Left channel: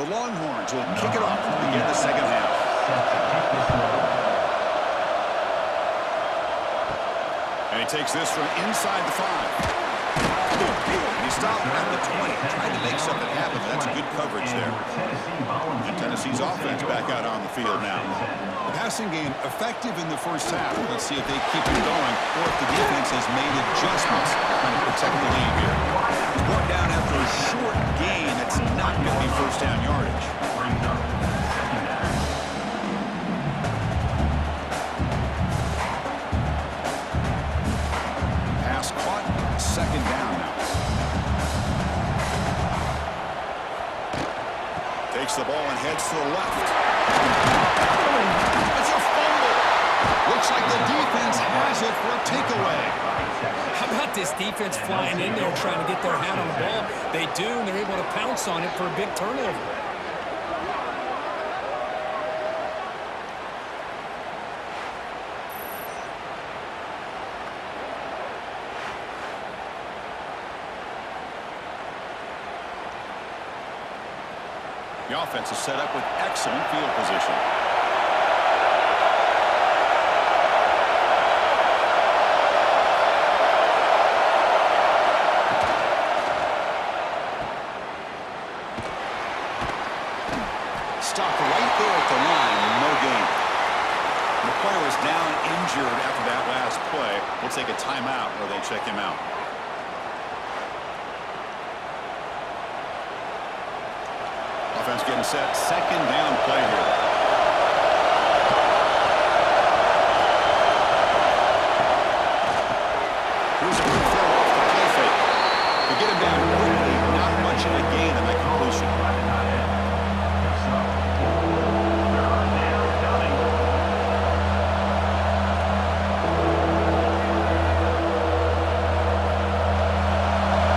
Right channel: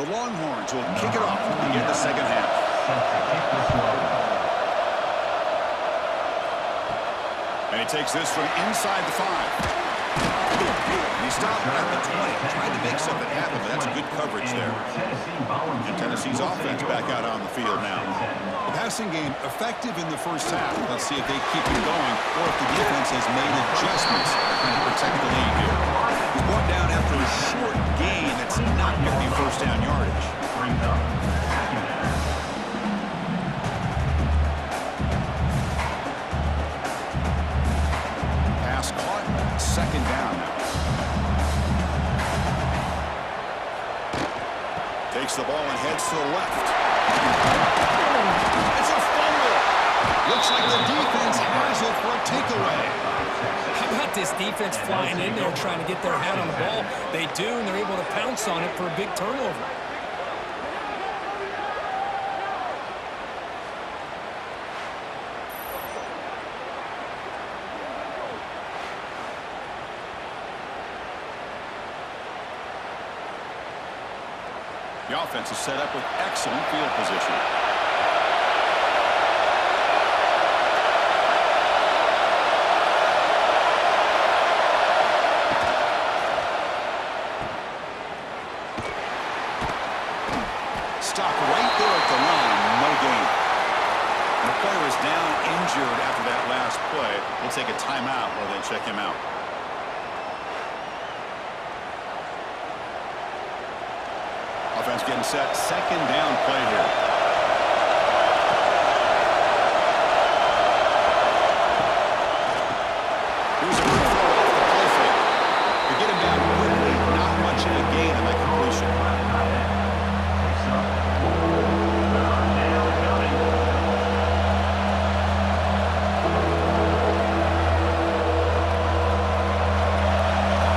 The Longhorns will kick it off to begin the second half. And he takes this from inside the 5. And he stopped at the 20. Tried to make something happen, but that's good coverage there. And Tennessee's offense back out on the field now. The passing game effective in the first half. Let's see if they keep it going or if the defense has made adjustments trying to protect the lead here. He's brought down after a short gain that's not going to be first down yardage. Pass caught, second down now. Takes the ball and heads to the left. It's a fumble. Looks like the defense has it for a takeaway. How about this defense flying in there trying to get their hat on the ball? They do, and they're able to pounce on it for a big turnover. The offense is set up with excellent field position. Stop right there at the line, no gain. The player is down injured after that last play. We'll take a timeout while they check him out. Offense getting set. Second down play here. Here's a good throw off the play fake. To get him down quickly, not much of a gain on that completion.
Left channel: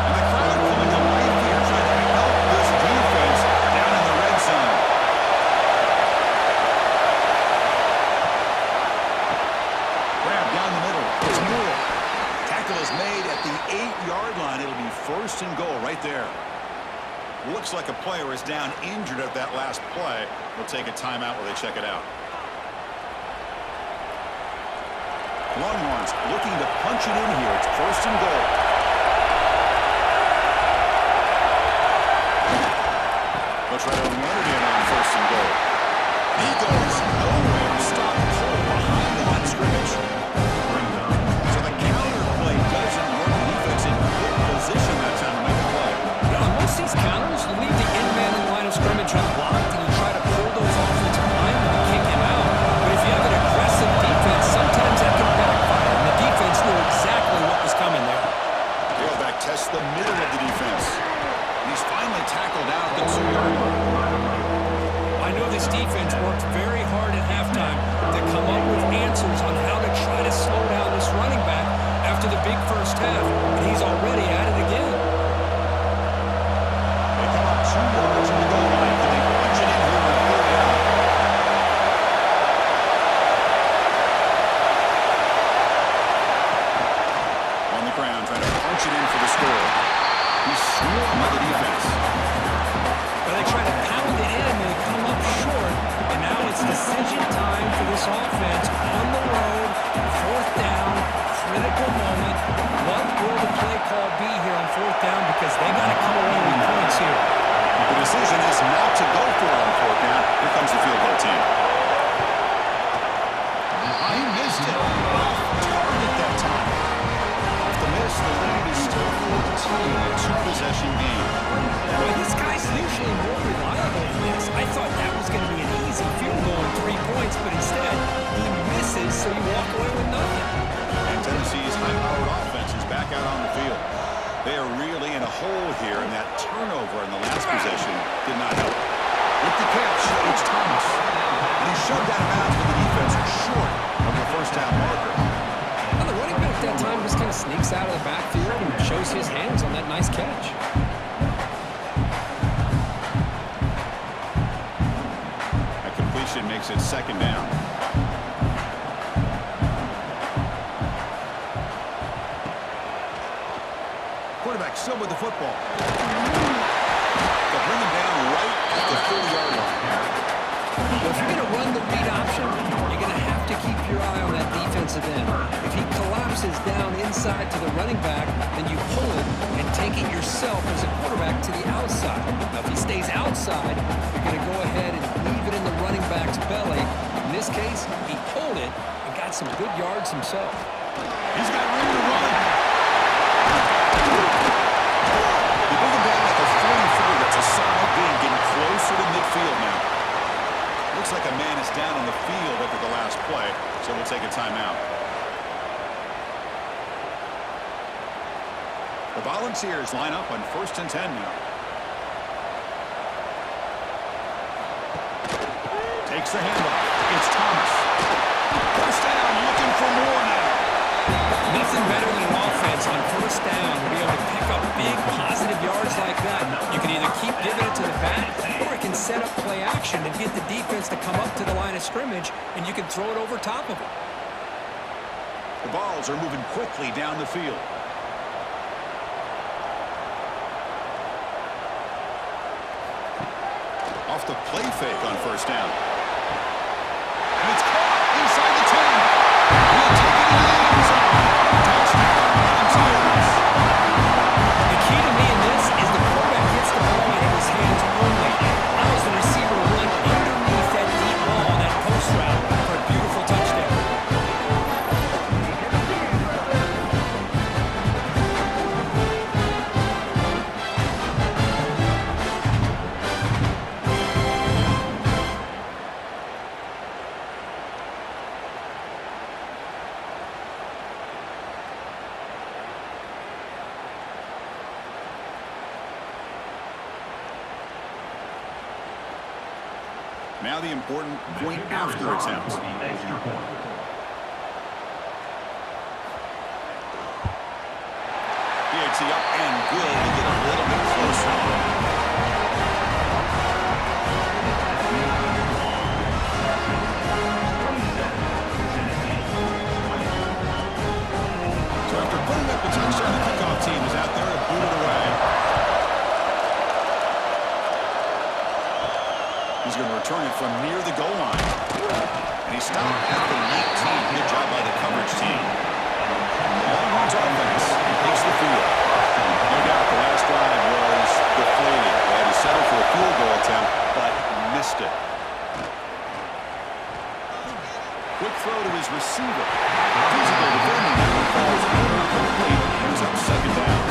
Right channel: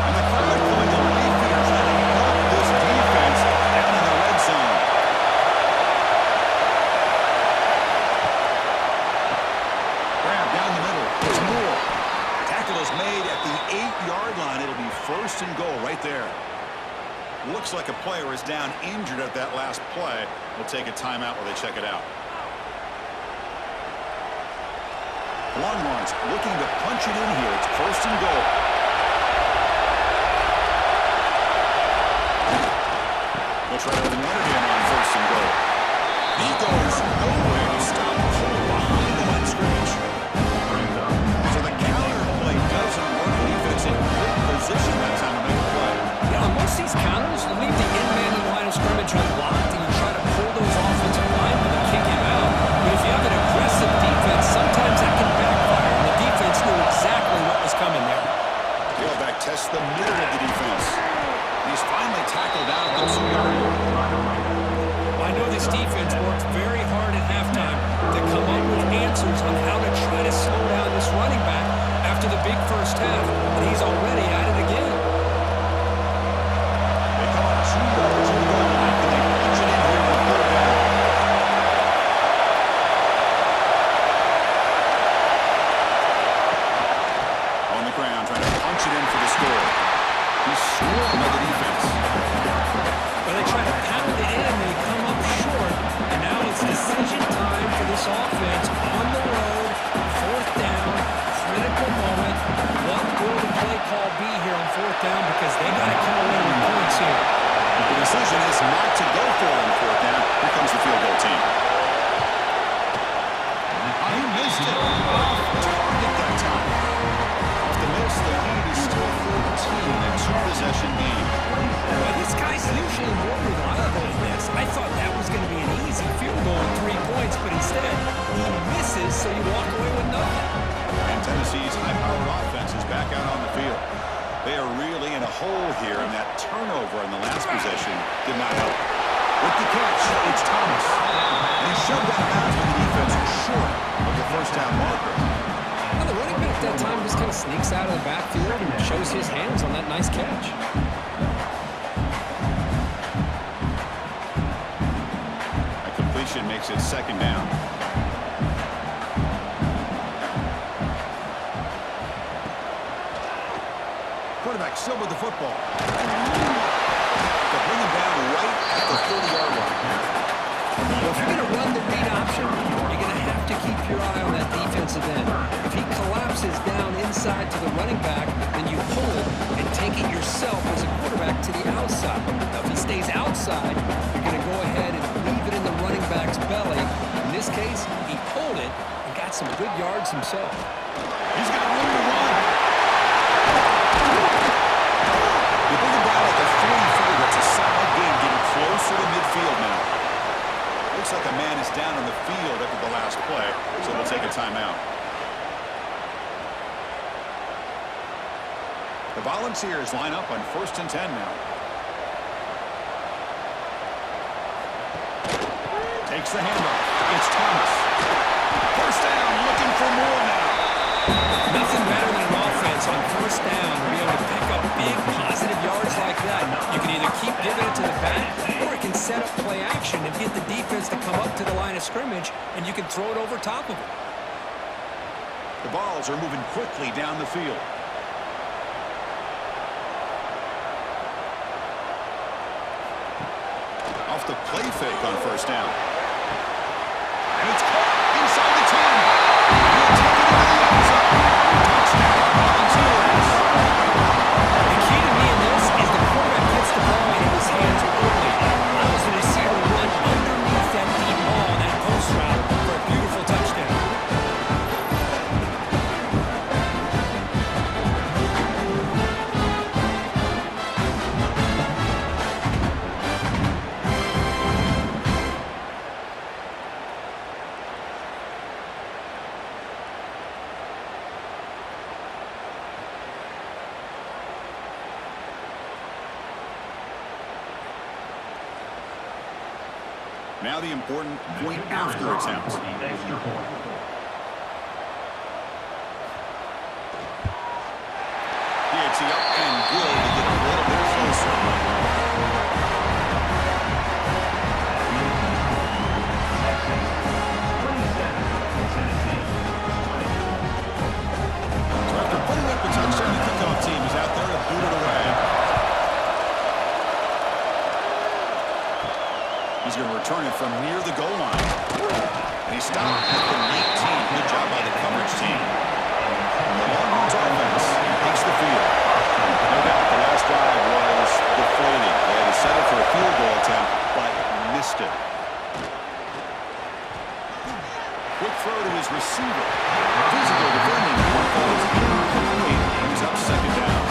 And the crowd coming to life here, trying to help this defense down in the red zone. Grab down the middle. It's Moore. Tackle is made at the 8-yard line. It'll be first and goal right there. Looks like a player is down injured at that last play. We'll take a timeout while they check it out. Longhorns looking to punch it in here. It's first and goal. They'll try to run it in on first and goal. He goes nowhere to stop Cole behind the line of scrimmage. So the counter play doesn't work. The defense in good position that time to make a play. Yeah, on most of these counters, you leave the in man in the line of scrimmage unblocked, and you try to pull those offensive linemen and kick him out. But if you have an aggressive defense, sometimes that can backfire, and the defense knew exactly what was coming there. Tailback tests the middle of the defense. And he's finally tackled out at the 2-yard line. I know this defense worked very hard at halftime to come up with answers on how to try to slow down this running back after the big first half, and he's already at it again. They come up 2 yards in the goal line. Can they punch it in here on third down? On the ground, trying to punch it in for the score. He's swarmed by the defense. But they try to pound it in, and they come up short, and now it's decision time for this offense on the road, fourth down, critical moment. What will the play call be here on fourth down? Because they got to come away with points here. The decision is not to go for it on fourth down. Here comes the field goal team. He missed it. Off target that time. Off the miss, the lead is still 14, a 2-possession game. Well, this guy's usually more reliable than this. I thought that was going to be an easy field goal and 3 points, but instead he misses, so you walk away with nothing. And Tennessee's high-powered offense is back out on the field. They are really in a hole here, and that turnover in the last possession did not help. With the catch, it's Thomas. And he shoved out of bounds with the defense short of the first down marker. Now the running back that time just kind of sneaks out of the backfield and shows his hands on that nice catch. A completion makes it second down. Quarterback still with the football. They'll bring him down right at the 30-yard line. Well, if you're going to run the read option, you're going to have to keep your eye on that defensive end. If he collapses down inside to the running back, then you pull it and take it yourself as a quarterback to the outside. Now, if he stays outside, you're going to go ahead and leave it in the running back's belly. In this case, he pulled it and got some good yards himself. He's got room to run. They bring him down at the 44. That's a solid gain, getting closer to midfield now. Looks like a man is down on the field after the last play, so we'll take a timeout. The Volunteers line up on 1st and 10 now. Takes the handoff. It's Thomas. First down, looking for more now. Nothing better than an offense on first down to be able to pick up big positive yards like that. You can either keep giving it to the back, or it can set up play action and get the defense to come up to the line of scrimmage, and you can throw it over top of it. The balls are moving quickly down the field. Off the play fake on first down. And it's caught inside the 10. He'll take it into the end zone. Touchdown, Volunteers. The key to me in this is the quarterback gets the ball in his hands early, allows the receiver to run underneath that deep ball on that post route for a beautiful touchdown. Now the important point after attempt. PAT up and good to get a little bit closer. So after putting up a touchdown, the kickoff team is out there to boot it away. He's going to return it from near the goal line. And he stopped at the 19. Good job by the coverage team. The Longhorns offense takes the field. No doubt the last drive was deflating. They had to settle for a field goal attempt, but missed it. Quick throw to his receiver. Physical defending. That one falls incomplete. Brings up second down.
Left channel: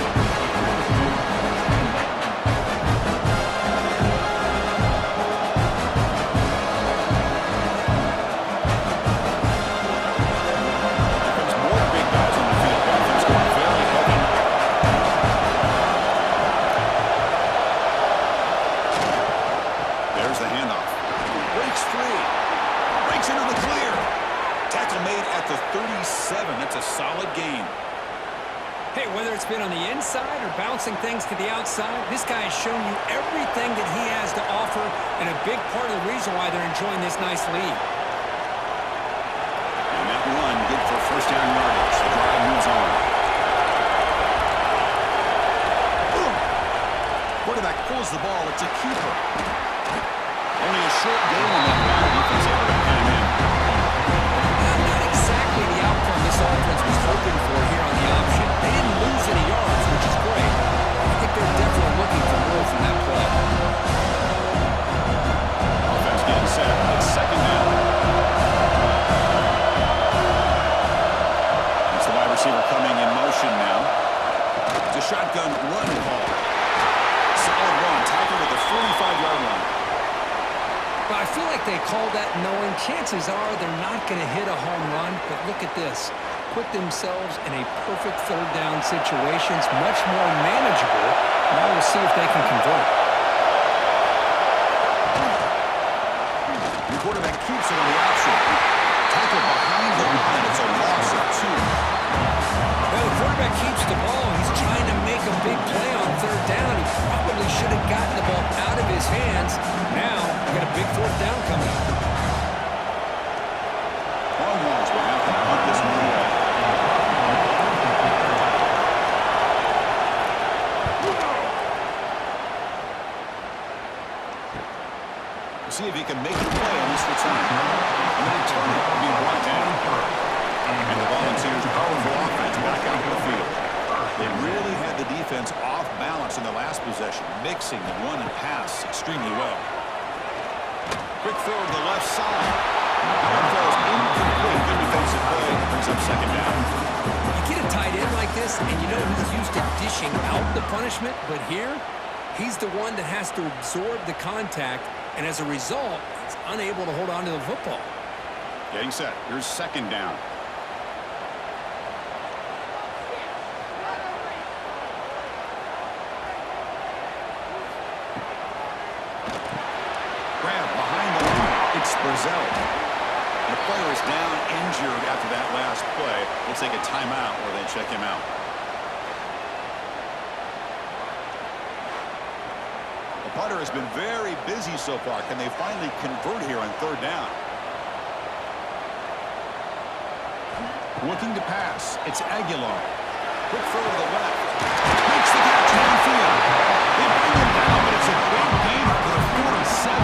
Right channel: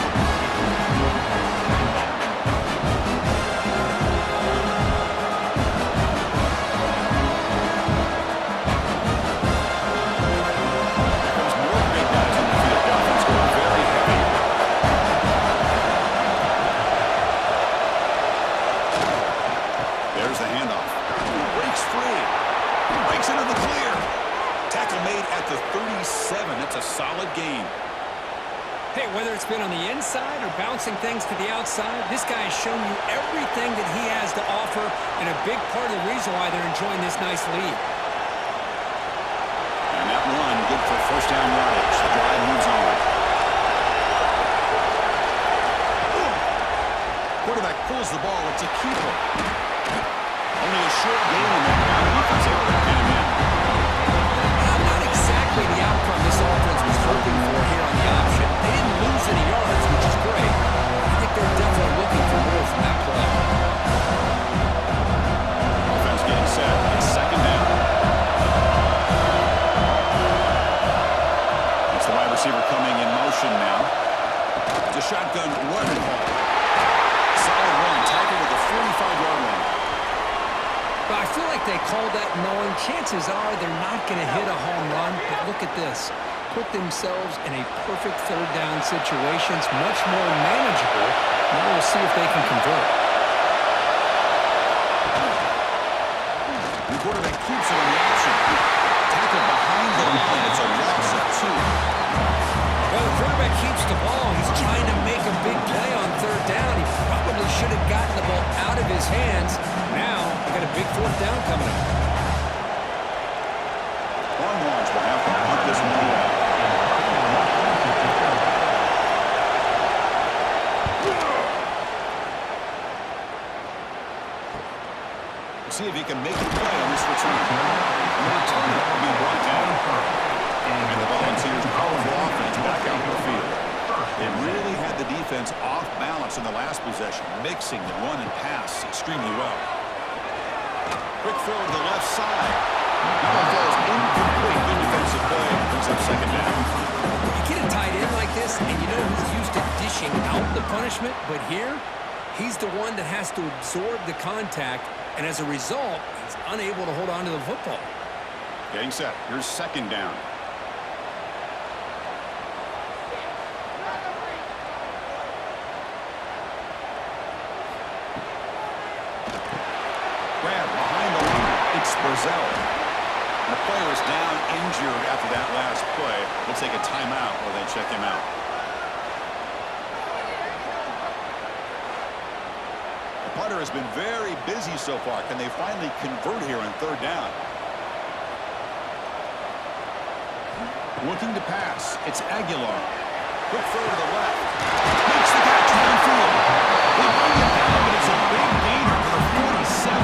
The handoff. Breaks free. Breaks into the clear. Tackle made at the 37. That's a solid gain. Hey, whether it's been on the inside or bouncing things to the outside, this guy has shown you everything that he has to offer, and a big part of the reason why they're enjoying this nice lead. And that run good for first down yardage. The drive moves on. Quarterback pulls the ball. It's a keeper. Only a short gain on that round. Defense able to pin him in. Not exactly the outcome this offense was hoping for here on the option. They didn't lose any yards, which is great. I think they're definitely looking for more from that play. Offense getting set. It's second down. It's the wide receiver coming in motion now. It's a shotgun run call. Solid run. Tackled at the 45-yard line. But I feel like they called that knowing chances are they're not going to hit a home run. But look at this. Put themselves in a perfect third down situation. It's much more manageable. Now we'll see if they can convert. The quarterback keeps it on the option. Tackled behind the line. It's a loss of 2. Well, the quarterback keeps the ball. He's trying to make a big play on third down. He probably should have gotten the ball out of his hands. Now, we've got a big fourth down coming up. Longhorns will have to punt this one away. See if he can make the play on this return. And the return will be brought down. And the Volunteers' powerful offense back out in the field. They really had the defense off balance in the last possession, mixing the run and pass extremely well. Quick throw to the left side. That one falls incomplete. Good defensive play. Brings up second down. You get a tight end like this, and you know he's used to dishing out the punishment, but here, he's the one that has to absorb the contact, and as a result, he's unable to hold on to the football. Getting set. Here's second down. Grab behind the line. It's Brazil. And the player is down injured after that last play. We'll take a timeout while they check him out. The punter has been very busy so far. Can they finally convert here on third down? Looking to pass. It's Aguilar. Quick throw to the left. Makes the catch downfield. They bring him down, but it's a big gainer for the 47.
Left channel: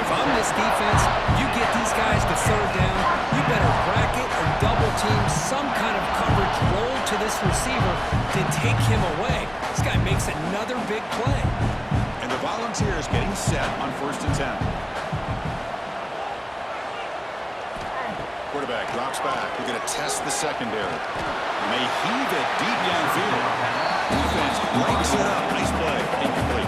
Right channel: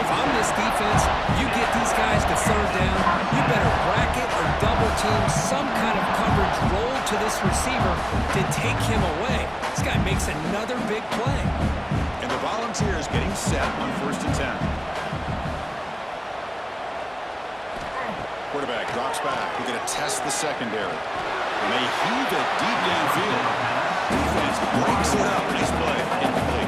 If I'm this defense, you get these guys to third down, you better bracket or double team some kind of coverage roll to this receiver to take him away. This guy makes another big play. And the Volunteers getting set on 1st and 10. Quarterback drops back. We're going to test the secondary. And they heave it deep downfield. Defense breaks it up. Nice play. Incomplete.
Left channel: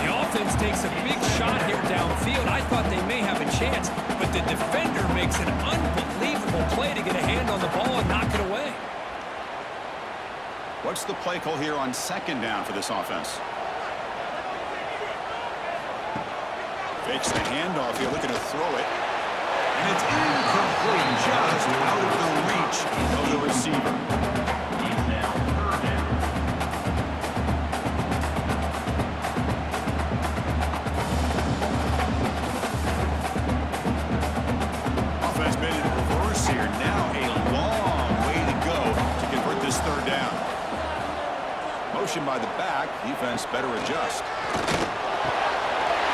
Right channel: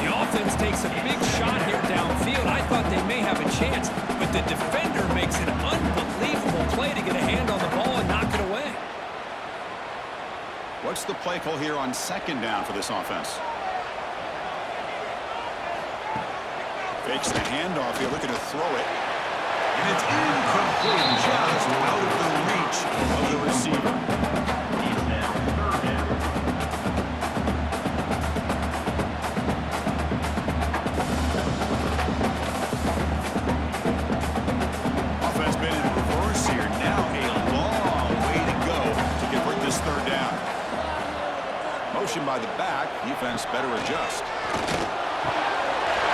The offense takes a big shot here downfield. I thought they may have a chance, but the defender makes an unbelievable play to get a hand on the ball and knock it away. What's the play call here on second down for this offense? Fakes the handoff here, looking to throw it. And it's incomplete, just out of the reach of the receiver. Offense been in reverse here. Now a long way to go to convert this third down. Motion by the back. Defense better adjust.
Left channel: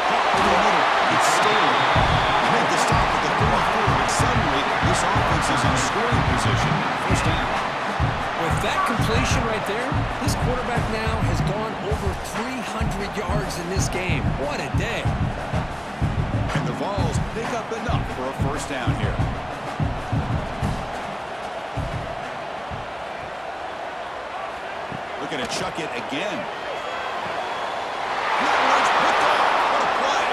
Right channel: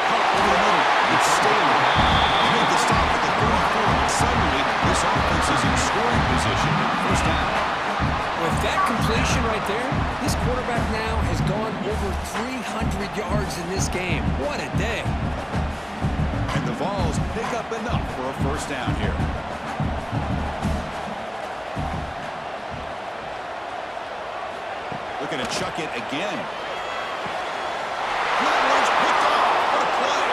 Over the middle. It's Staley. He made the stop at the 34, but suddenly this offense is in scoring position. First down. With that completion right there, this quarterback now has gone over 300 yards in this game. What a day. And the Vols pick up enough for a first down here. Looking to chuck it again. And that one's picked off. What a play.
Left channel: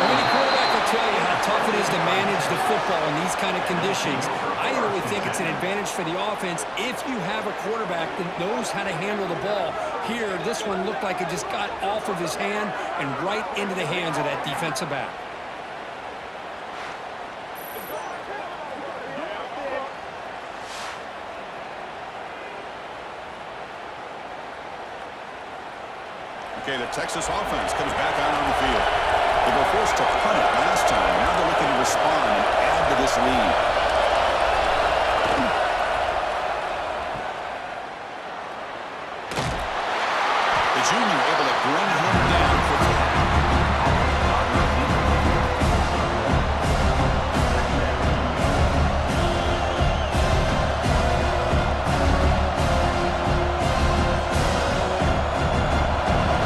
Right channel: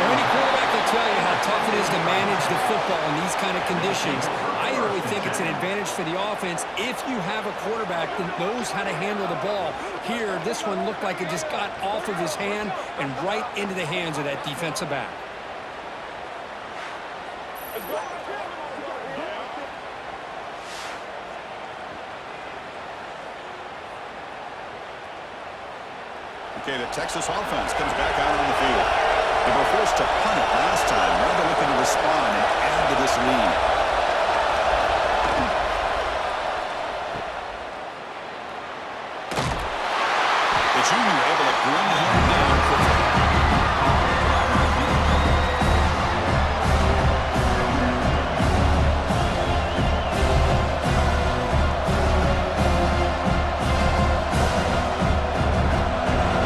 Any quarterback will tell you how tough it is to manage the football in these kind of conditions. I really think it's an advantage for the offense if you have a quarterback that knows how to handle the ball. Here, this one looked like it just got off of his hand and right into the hands of that defensive back. Okay, the Texas offense comes back out on the field. They were forced to punt it last time. Now they're looking to respond and add to this lead. The junior able to bring him down quickly.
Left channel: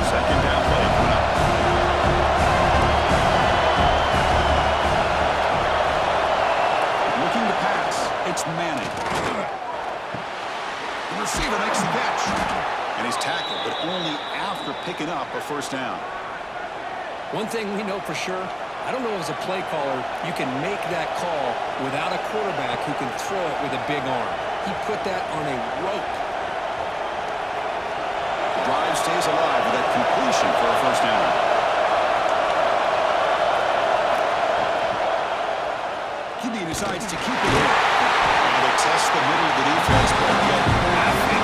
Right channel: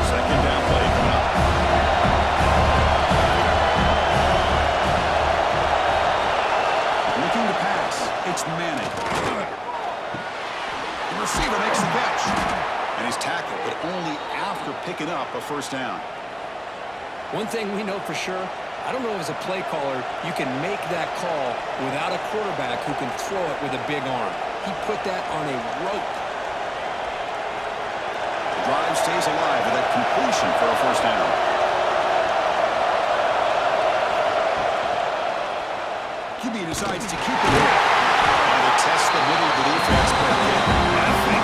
Second down play coming up. Looking to pass. It's Manning. The receiver makes the catch. And he's tackled, but only after picking up a first down. One thing we know for sure, I don't know if as a play caller you can make that call without a quarterback who can throw it with a big arm. He put that on a rope. The drive stays alive with that completion for a first down. QB decides to keep it in. Now they test the middle of the defense, but get nothing.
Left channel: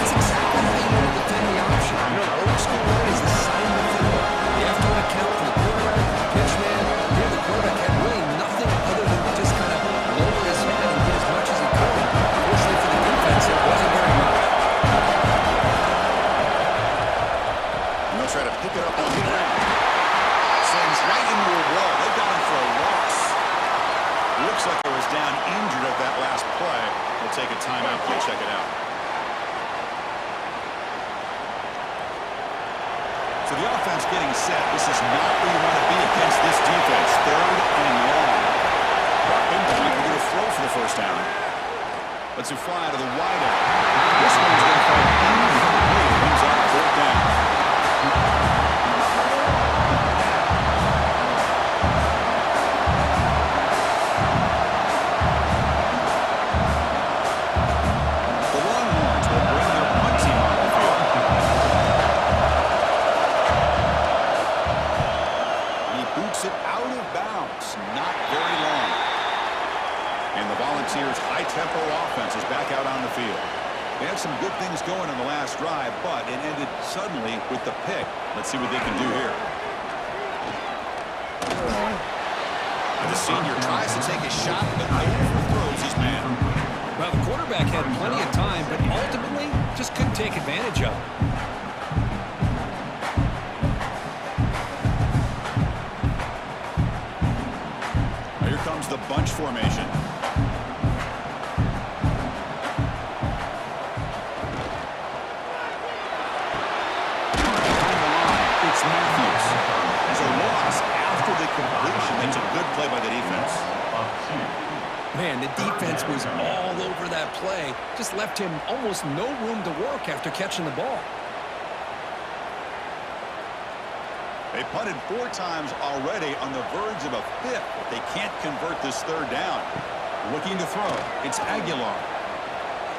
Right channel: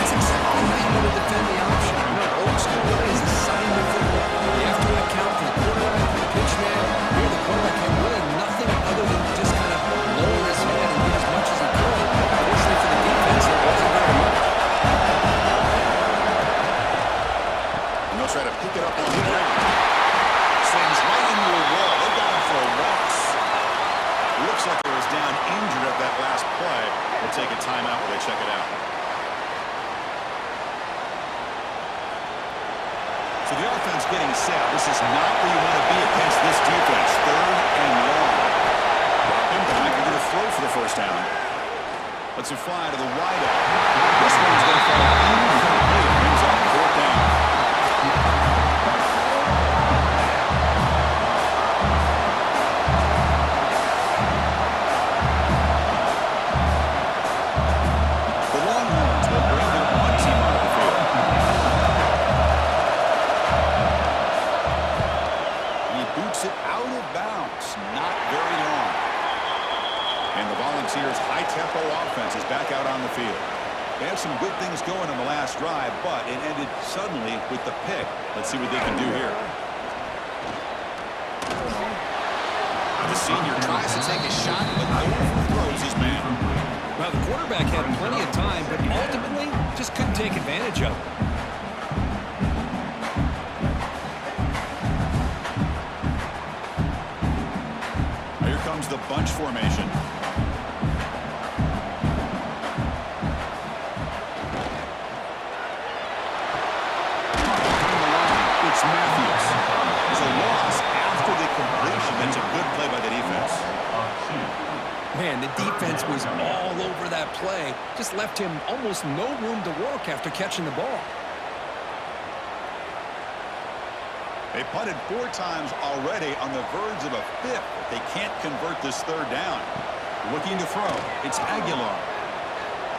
That's exactly how you want to defend the option. You know, old school way is assignment football. You have to account for the quarterback, the pitch man. Here, the quarterback had really nothing other than just kind of lower his head and get as much as he could. Fortunately for the defense, it wasn't very much. They'll try to pick it up on the ground. Slings right into a wall. They got him for a loss. Looks like he was down injured at that last play. They'll take a timeout while they check it out. So the offense getting set. This is not where you want to be against this defense. 3rd and long. Dropping back. They're going to throw for the first down. Let's fly to the wide out. This one's going to fall incomplete. Brings up 4th down. The Longhorns will bring their punt team onto the field. And he boots it out of bounds. Not very long. And the Volunteers' high-tempo offense is back out on the field. They had some good things going on the last drive, but it ended suddenly with the pick. Let's see what they can do here. The senior tries to take a shot, but overthrows his man. Well, the quarterback had plenty of time, but ultimately just couldn't take advantage of it. Here comes the bunch formation. It's Matthews. It's a loss after the completion. That's a good play by the defense. Man, the defense was all over that play. Just left him almost no room to work after catching the ball. They punted 4 times already, on the verge of a 5th if they can't convert this 3rd down. Looking to throw. It's Aguilar.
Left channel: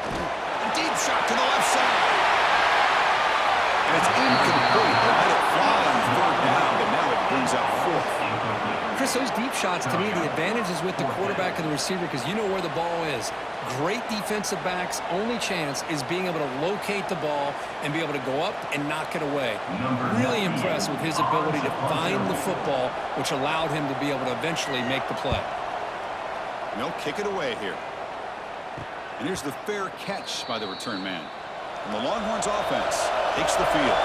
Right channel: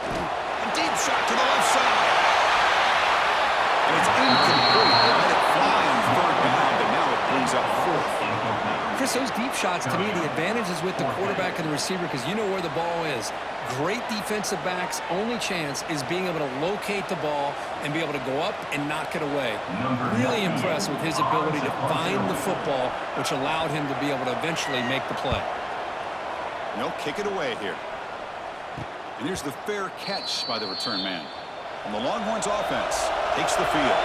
A deep shot to the left side. And it's incomplete. They let it fly on 3rd down, but now it brings up 4th. Chris, those deep shots, to me, the advantage is with the quarterback and the receiver because you know where the ball is. Great defensive backs' only chance is being able to locate the ball and be able to go up and knock it away. Really impressed with his ability to find the football, which allowed him to be able to eventually make the play. They'll kick it away here. And here's the fair catch by the return man. And the Longhorns offense takes the field.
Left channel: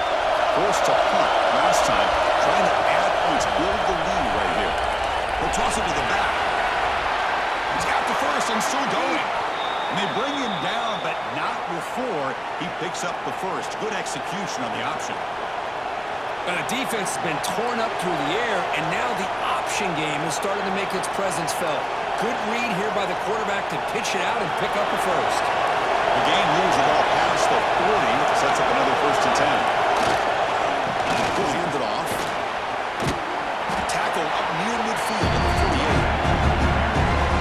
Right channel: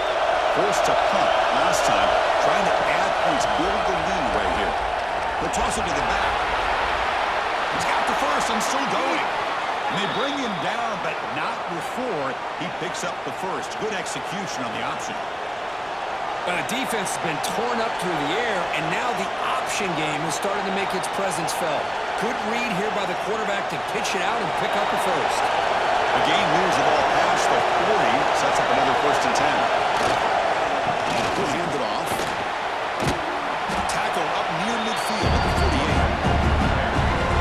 Forced to punt last time, trying to add points, build the lead right here. They'll toss it to the back. He's got the first and still going. And they bring him down, but not before he picks up the first. Good execution on the option. But the defense has been torn up through the air, and now the option game is starting to make its presence felt. Good read here by the quarterback to pitch it out and pick up the first. The game moves the ball past the 40, sets up another 1st and 10. He'll hand it off. Tackle up near midfield at the 48.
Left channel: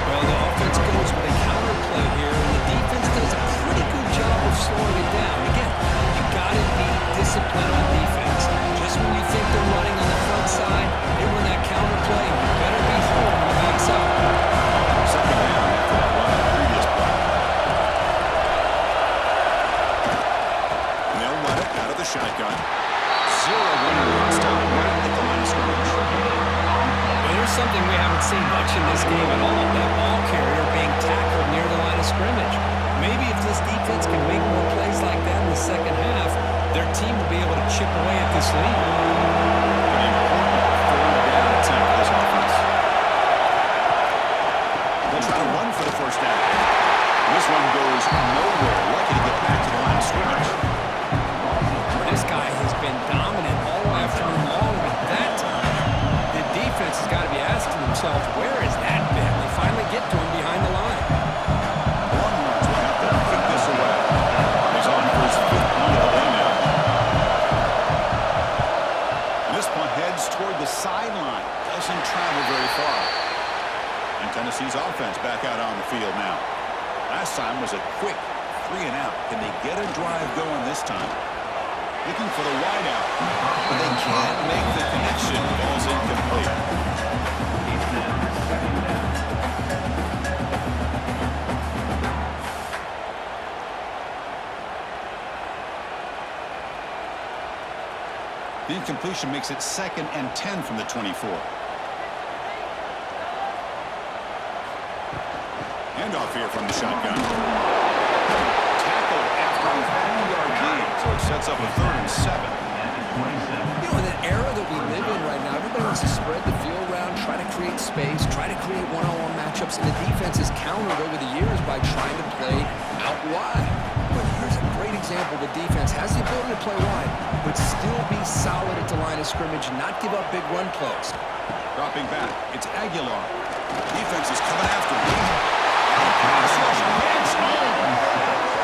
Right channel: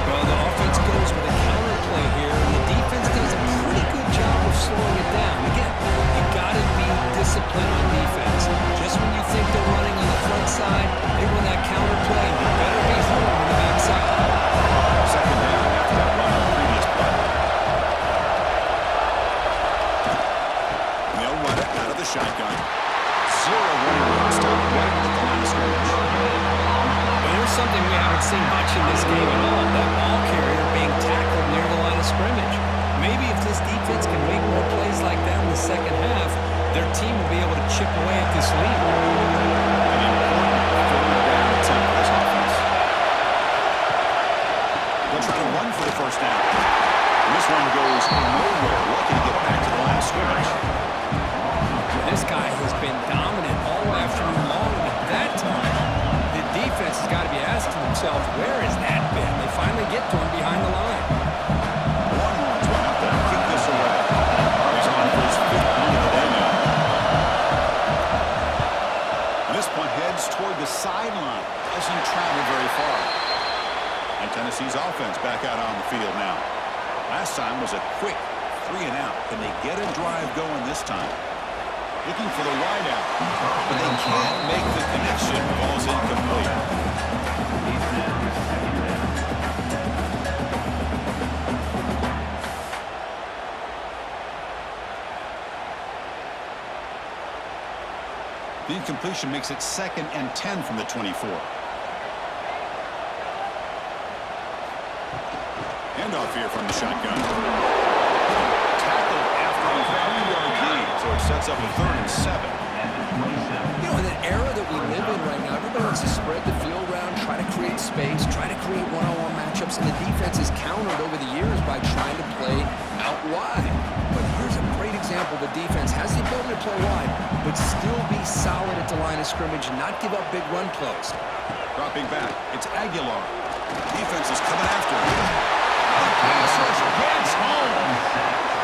Well, the offense goes with a counter play here, and the defense does a pretty good job of slowing it down. Again, you got to be disciplined on defense. Just when you think they're running on the front side, they run that counter play, and you better be home on the back side. 2nd down after that run on the previous play. And they'll run it out of the shotgun. 0 running room stop right at the line of scrimmage. Well, there's something we haven't seen much in this game at all. That ball carrier being tackled near the line of scrimmage. Maybe if this defense can make more plays like that in the second half, their team will be able to chip away at this lead. An important 3rd down attempt for this offense. They'll try to run for the first down. And this one goes nowhere. Lucky to get back to the line of scrimmage. This guy has been dominant all afternoon long, but that time, the defense has got to be asking themselves, where has that been? They finally get to him behind the line. Longhorns will have to kick this away. He's on for his 5th punt of the day now. And this punt heads toward the sideline. Doesn't travel very far. And Tennessee's offense back out on the field now. Last time was a quick 3 and out. Can they get a drive going this time? Looking for the wide out, but they can't make the connection. Ball's incomplete. The incompletion makes it 2nd and 10 from the 24. Handoff here from the shotgun. Tackled after a 3-yard gain, so it sets up a 3rd and 7. You know, in an era that we live in right now, everybody wants to spread the field around, try to create space, try to create one-on-one matchups, and the defense has countered over the years by trying to play out wide. But here's a great example. The defense has the ability to play wide, but still be solid at the line of scrimmage and not give up big run plays. Dropping back, it's Aguilar. Defense is coming after him. The pass rush gets home.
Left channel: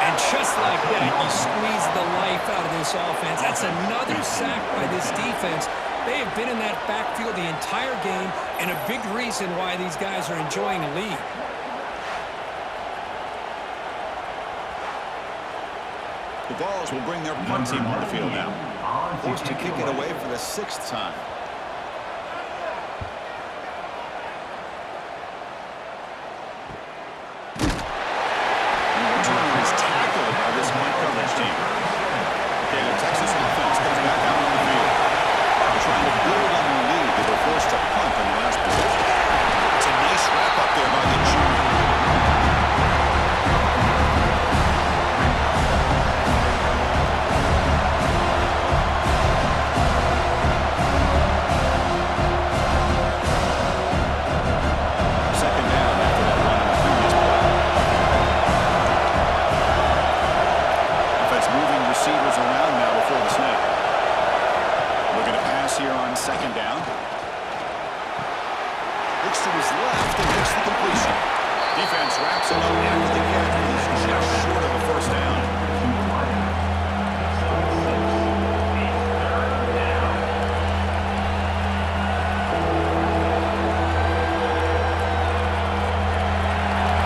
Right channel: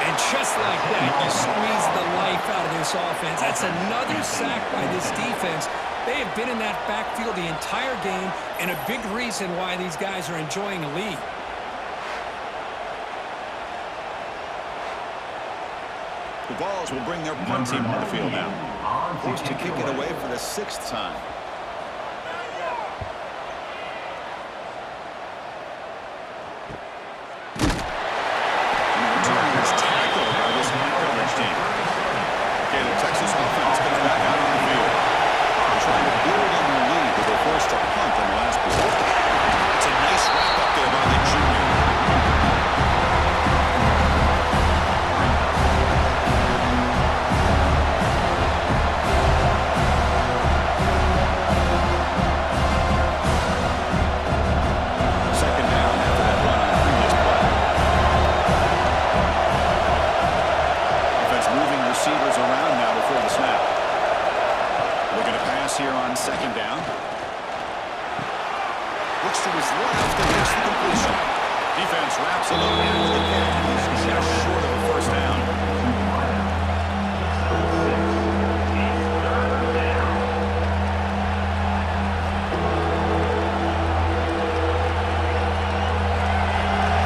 And just like that, you squeeze the life out of this offense. That's another sack by this defense. They have been in that backfield the entire game, and a big reason why these guys are enjoying a lead. The Balls will bring their punt team on the field now. Forced to kick it away for the 6th time. Tackled by this punt coverage team. Okay, the Texas offense comes back out on the field. They're trying to build on their lead. They were forced to punt on the last possession. It's a nice wrap up there by the junior. Second down after that run on the previous play. Moving receivers around now before the snap. Looking to pass here on 2nd down. Looks to his left and makes the completion. Defense wraps him up after the catch, but he's just short of a 1st down.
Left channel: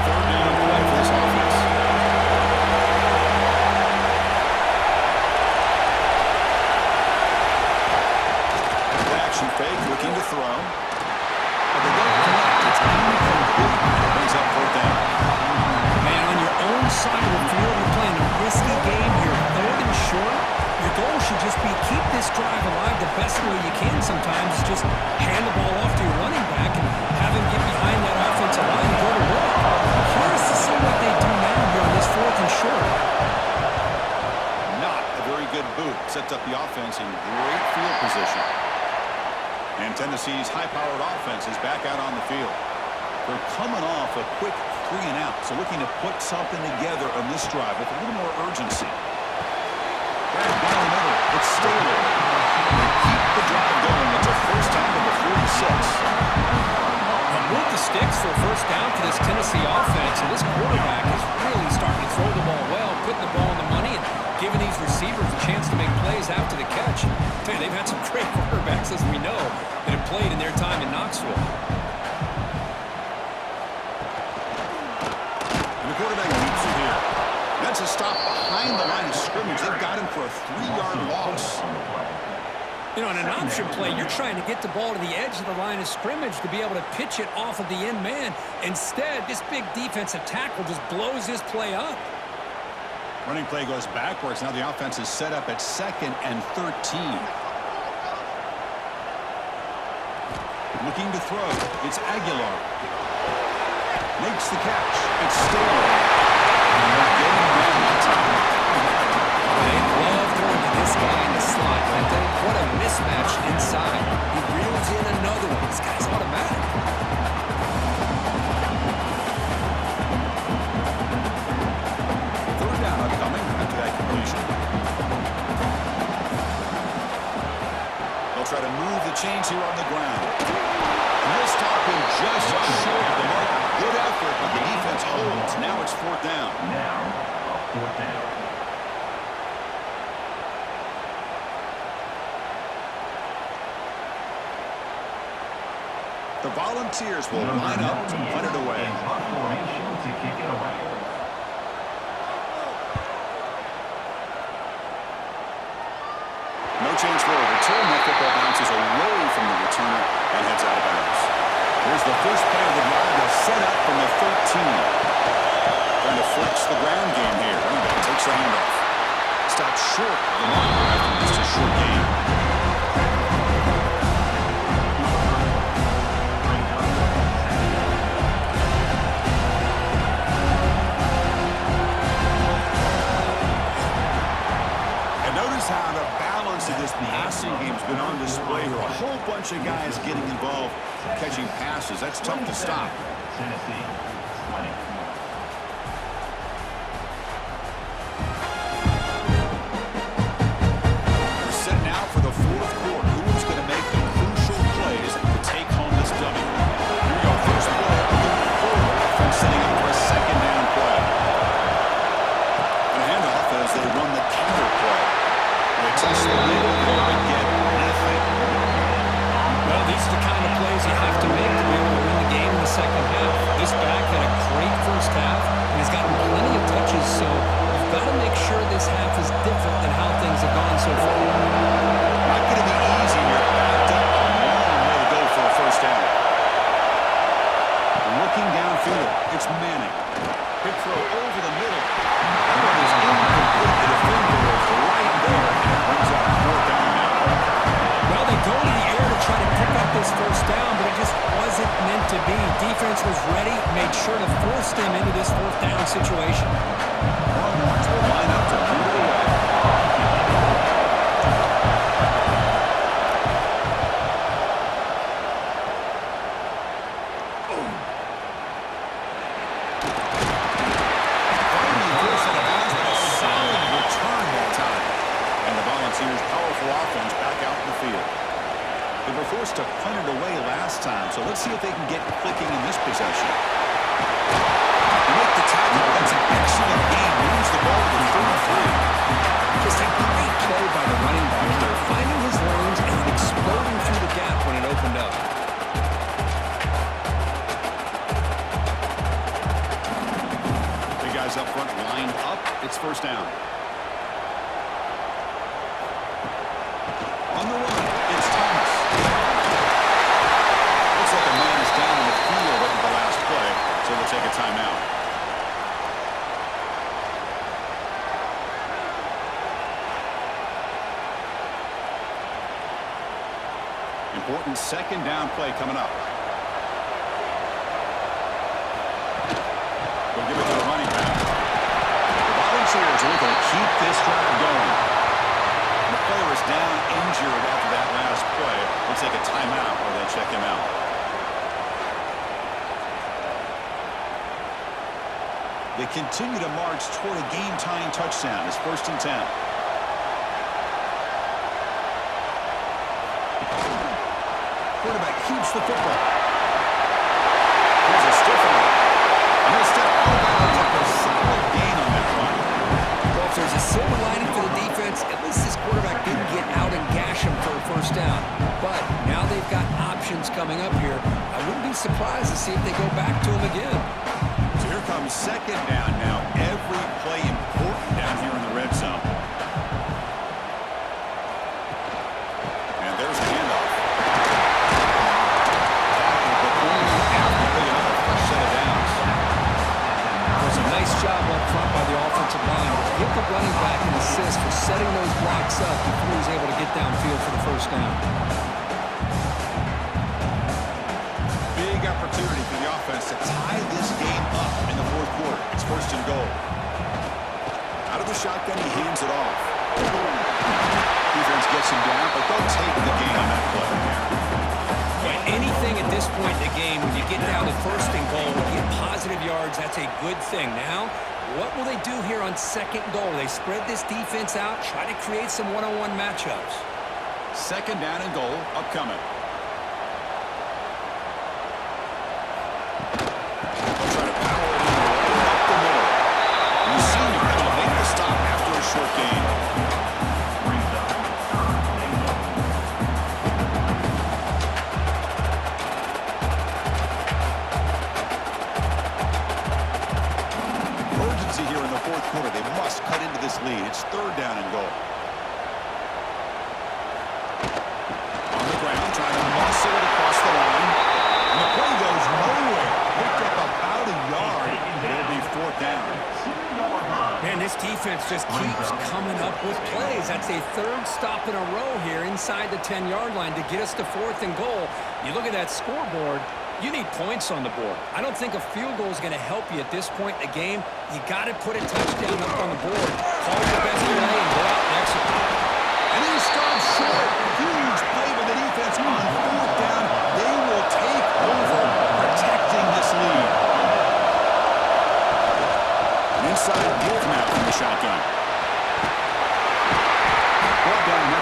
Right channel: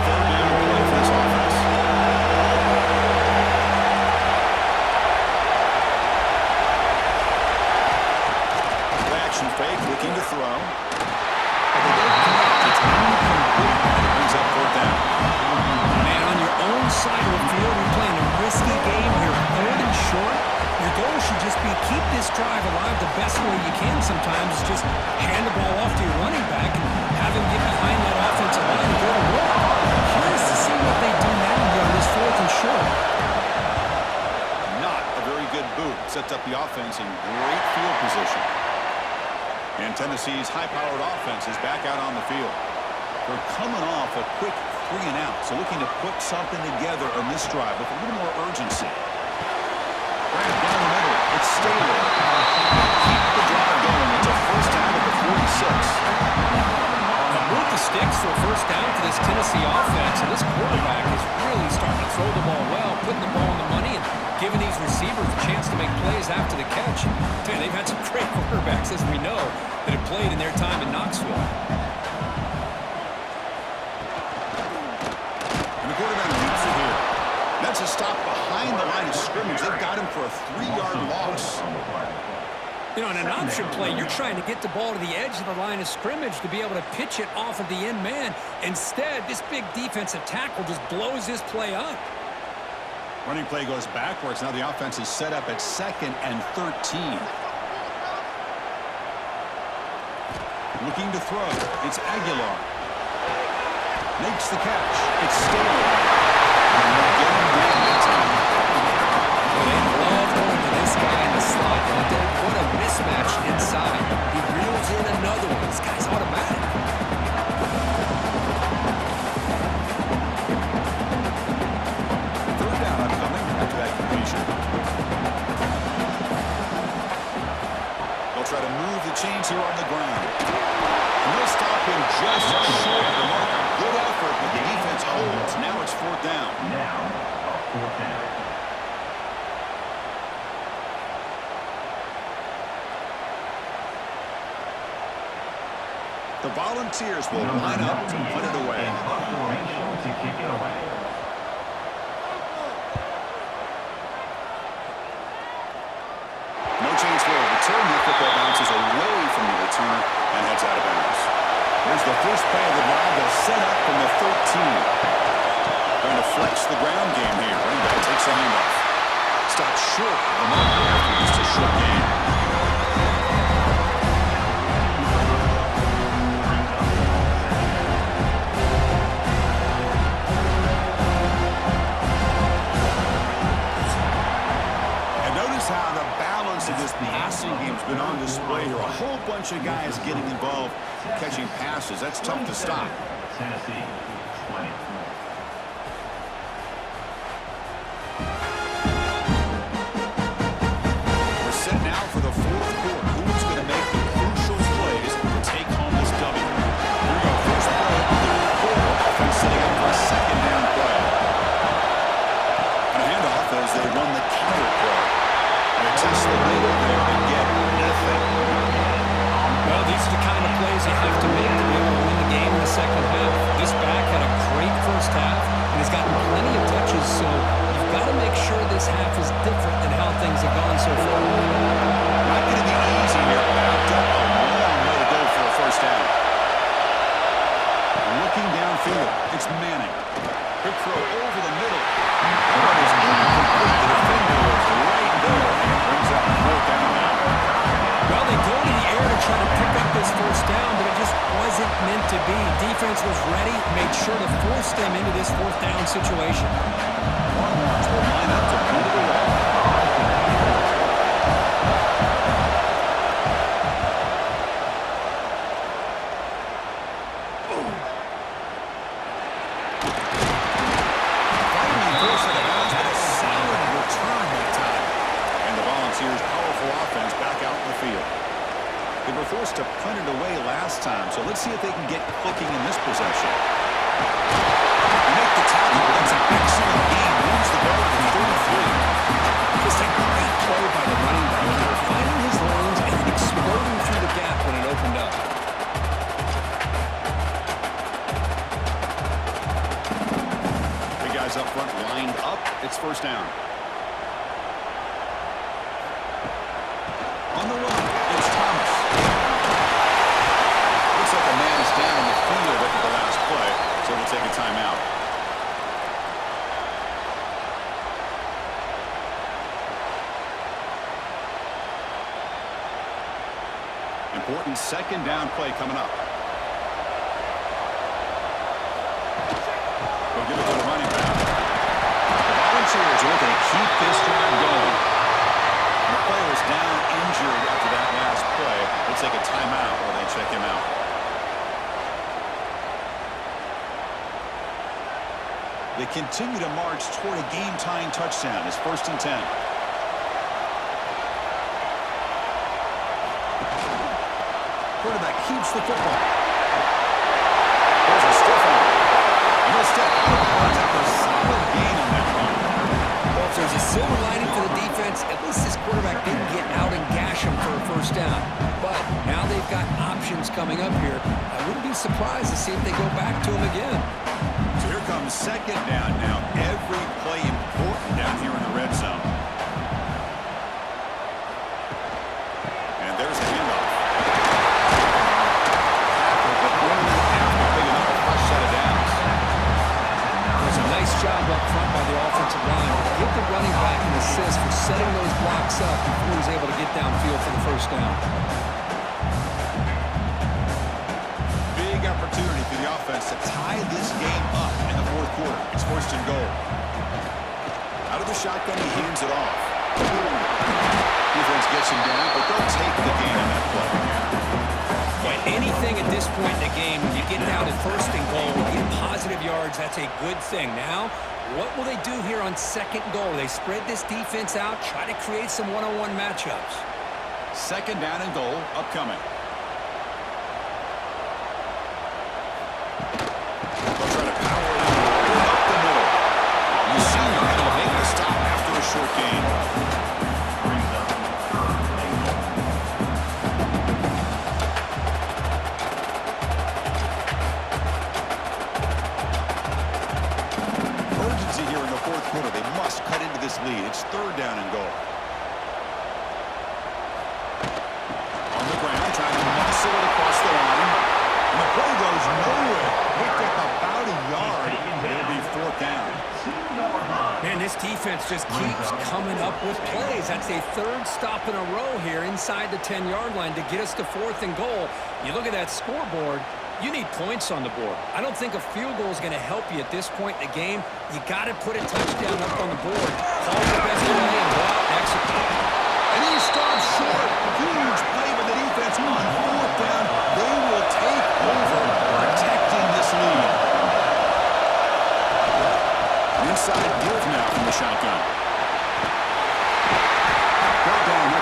Third down play for this offense. Fake, looking to throw. But they don't connect. It's incomplete. And it brings up 4th down. Man, on your own side of the field, you're playing a risky game here. 3rd and short. Your goal should just be keep this drive alive the best way you can sometimes. Is just hand the ball off to your running back and have him get behind that offensive line and go to work. Curious to see what they do now here on this 4th and short. Not a very good boot. Sets up the offense in great field position. And Tennessee's high-powered offense is back out on the field. They're coming off a quick 3 and out, so looking to put something together on this drive with a little more urgency. Grab down the middle. It's Staley. They keep the drive going. It's a 1st down at the 46. Move the sticks for a 1st down for this Tennessee offense, and this quarterback is really starting to throw the ball well, putting the ball on the money, and giving these receivers a chance to make plays after the catch. Tell you, they've had some great quarterbacks, as we know, that have played in their time in Knoxville. And the quarterback leaps it here. That's a stop behind the line of scrimmage. They've got him for a 3-yard loss. You know, in an option play, you're trying to get the ball to the edge of the line of scrimmage to be able to pitch it off of the end man. Instead, this big defensive tackle just blows this play up. Running play goes backwards. Now the offense is set up at 2nd and 13. Looking to throw. It's Aguilar. Makes the catch. It's Staley. And they'll get him down that time. Well, they love going to this guy in the slot, don't they? What a mismatch inside. He reels in another one. This guy's automatic. 3rd down upcoming after that completion. They'll try to move the chains here on the ground. And they'll stop him just short of the marker. Good effort, but the defense holds. Now it's 4th down. Now, a 4th down. The Volunteers will line up to punt it away. Formation to kick it away. No change for a return. That football bounces away from the returner and heads out of bounds. Here's the first play of the drive. They'll set up from the 13. Trying to flex the ground game here. Running back takes the handoff. Stopped short of the marker after just a short gain. Notice how the balance of this passing game has been on display here. A whole bunch of guys getting involved, catching passes. That's tough to stop. Tennessee, 24. We're set now for the fourth quarter. Who's going to make the crucial plays to take home this W? Here we go. First play of the quarter. Offense setting up for a second down play. And a handoff as they run the counter play. They test the middle there and get nothing. Well, these are the kind of plays you have to make to be able to win the game in the second half. This back had a great first half and has gotten plenty of touches, so you've got to make sure this half is different than how things have gone so far. Not going to be easy here. Backed up a long way to go for a first down. Looking downfield, it's Manning. Quick throw over the middle. That one is incomplete. The defender was right there, and it brings up fourth down now. Well, they go to the air to try to pick up this first down, but it just wasn't meant to be. Defense was ready, made sure to force them into this fourth down situation. Longhorns will line up to move it away. Powerful offense back out in the field. They were forced to punt it away last time, so let's see if they can get clicking in this possession. They make the tackle, but that's an excellent game. Moves the ball to the 33. Just a great play by the running back here, finding his lanes and then exploding through the gap when it opened up. Big guys up front lined up. It's first down. On the run, it's Thomas. Looks like a man is down in the field after the last play, so we'll take a timeout. Important second down play coming up. We'll give it to the running back. The Volunteers are looking to keep this drive going. The player is down injured after that last play. We'll take a timeout while they check him out. They continue to march toward a game-tying touchdown. It's 1st and 10. Quarterback keeps the football. There's a stiff arm. And he'll step out of bounds after a solid gain on that run. Well, if there's a silver lining for the defense, at least this quarterback didn't get out and gash him for a first down. But now they've got options coming up here. I wouldn't be surprised to see if they go back to him again. So here comes second down now. Every play important down here in the red zone. And there's the handoff. Tackle, but only after picking up a fresh set of downs. It was a nice job up front by the offensive line. Give the running back an assist for setting those blocks up before he was able to get downfield for the first down. Big opportunity for the offense to tie this game up in the fourth quarter. It's 1st and goal. Out of the shotgun, he hands it off. Defense gets him down, but they'll take the gain on that play. But anything at this point in the game, when you get down to 1st and goal, get positive yards, that's a good thing. Now, what will they do here on 2nd and goal? They spread this defense out, try to create some one-on-one matchups. 2nd down and goal upcoming. They'll try to power it in right up the middle. And the senior able to make the stop after a short gain. Brings up 3rd and goal. Urgency here in the fourth quarter. They must cut into this lead. It's 3rd down and goal. On the ground, trying to muscle it across the line. And the play goes nowhere. Picked up about a yard. It'll be 4th down. Man, this defense just keeps coming up with plays. That's a 3rd stop in a row here inside the 10-yard line to get us to 4th and goal. You look at that scoreboard, you need points on the board. I don't think a field goal is going to help you at this point in the game. You got to put a touchdown up on the board. Call the best play and go out and execute.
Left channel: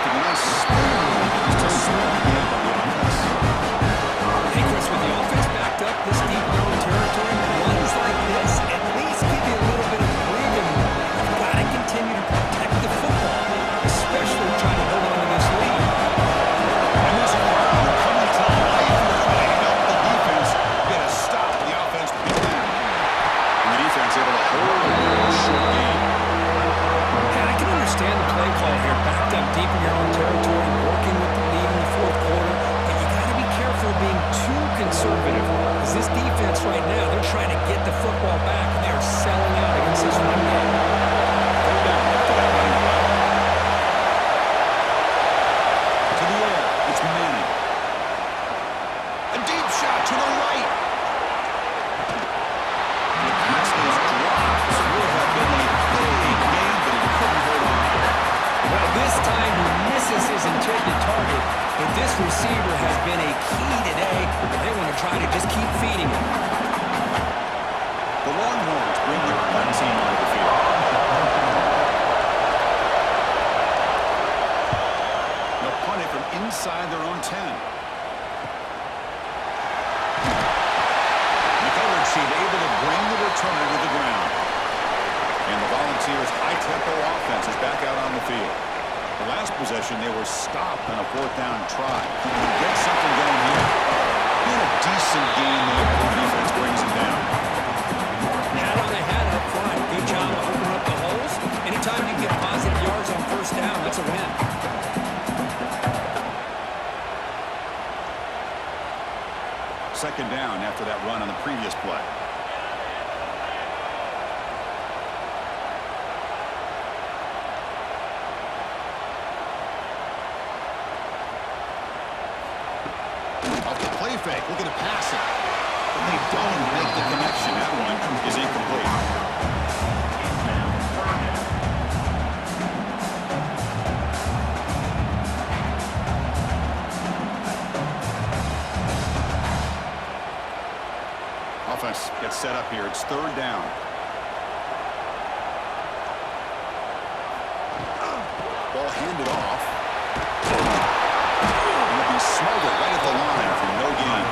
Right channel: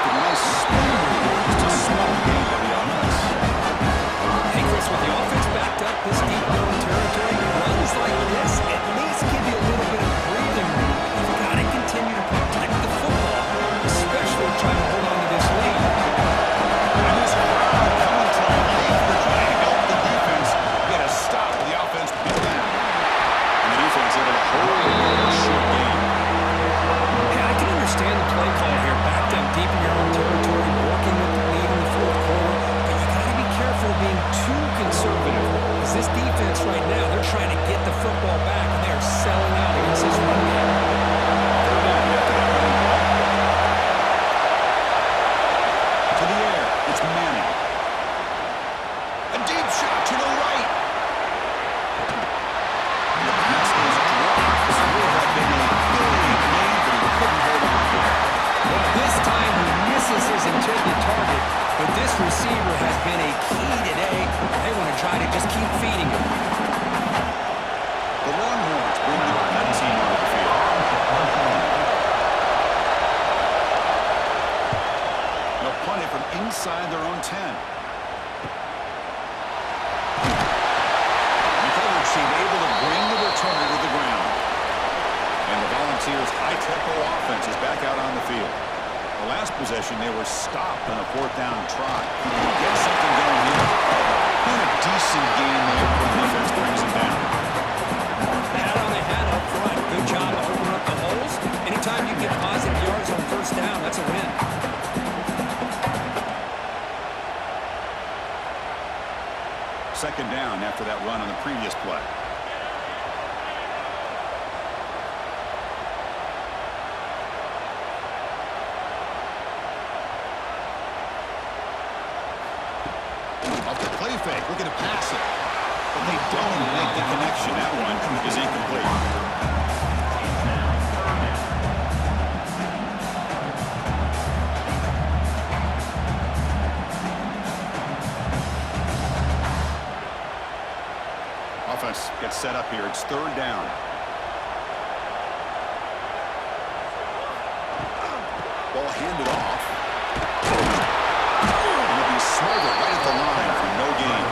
making a nice spin move. Just a small gain by the offense. Hey, Chris, with the offense backed up this deep in their own territory, runs like this at least give you a little bit of breathing room. You've got to continue to protect the football, especially trying to hold on to this lead. And this crowd coming to life. They're trying to help the defense get a stop. The offense picked back. And the defense able to hold a short game. Hey, I can understand the play call here, backed up deep in your own territory, working with the lead in the fourth quarter, but you got to be careful of being too conservative, because this defense right now, they're trying to get the football back, and they're selling out against this run game. Third down after that running play. To the air, it's Manning. A deep shot to the right. The pass is dropped. Would have been a big gain, but he couldn't hold on. Well, this time he misses his intended target, but this receiver has been a key today. They want to try to just keep feeding him. The Longhorns bring their punt team onto the field. They'll punt it from inside their own 10. The coverage team able to bring the returner to the ground. And the Volunteers' high-tempo offense is back out on the field. The last possession, they were stopped on a fourth down try. Can you get something going here? Doing a decent game there before the defense brings him down. Hat on a hat up front. Good job of opening up the holes. Anytime you get positive yards on first down, that's a win. Second down after that run on the previous play. Off the play fake, looking to pass it. But they don't make the connection. That one is incomplete. It's now third down. Offense gets set up here. It's third down. Ball handed off. And it'll be smothered right at the line for no gain.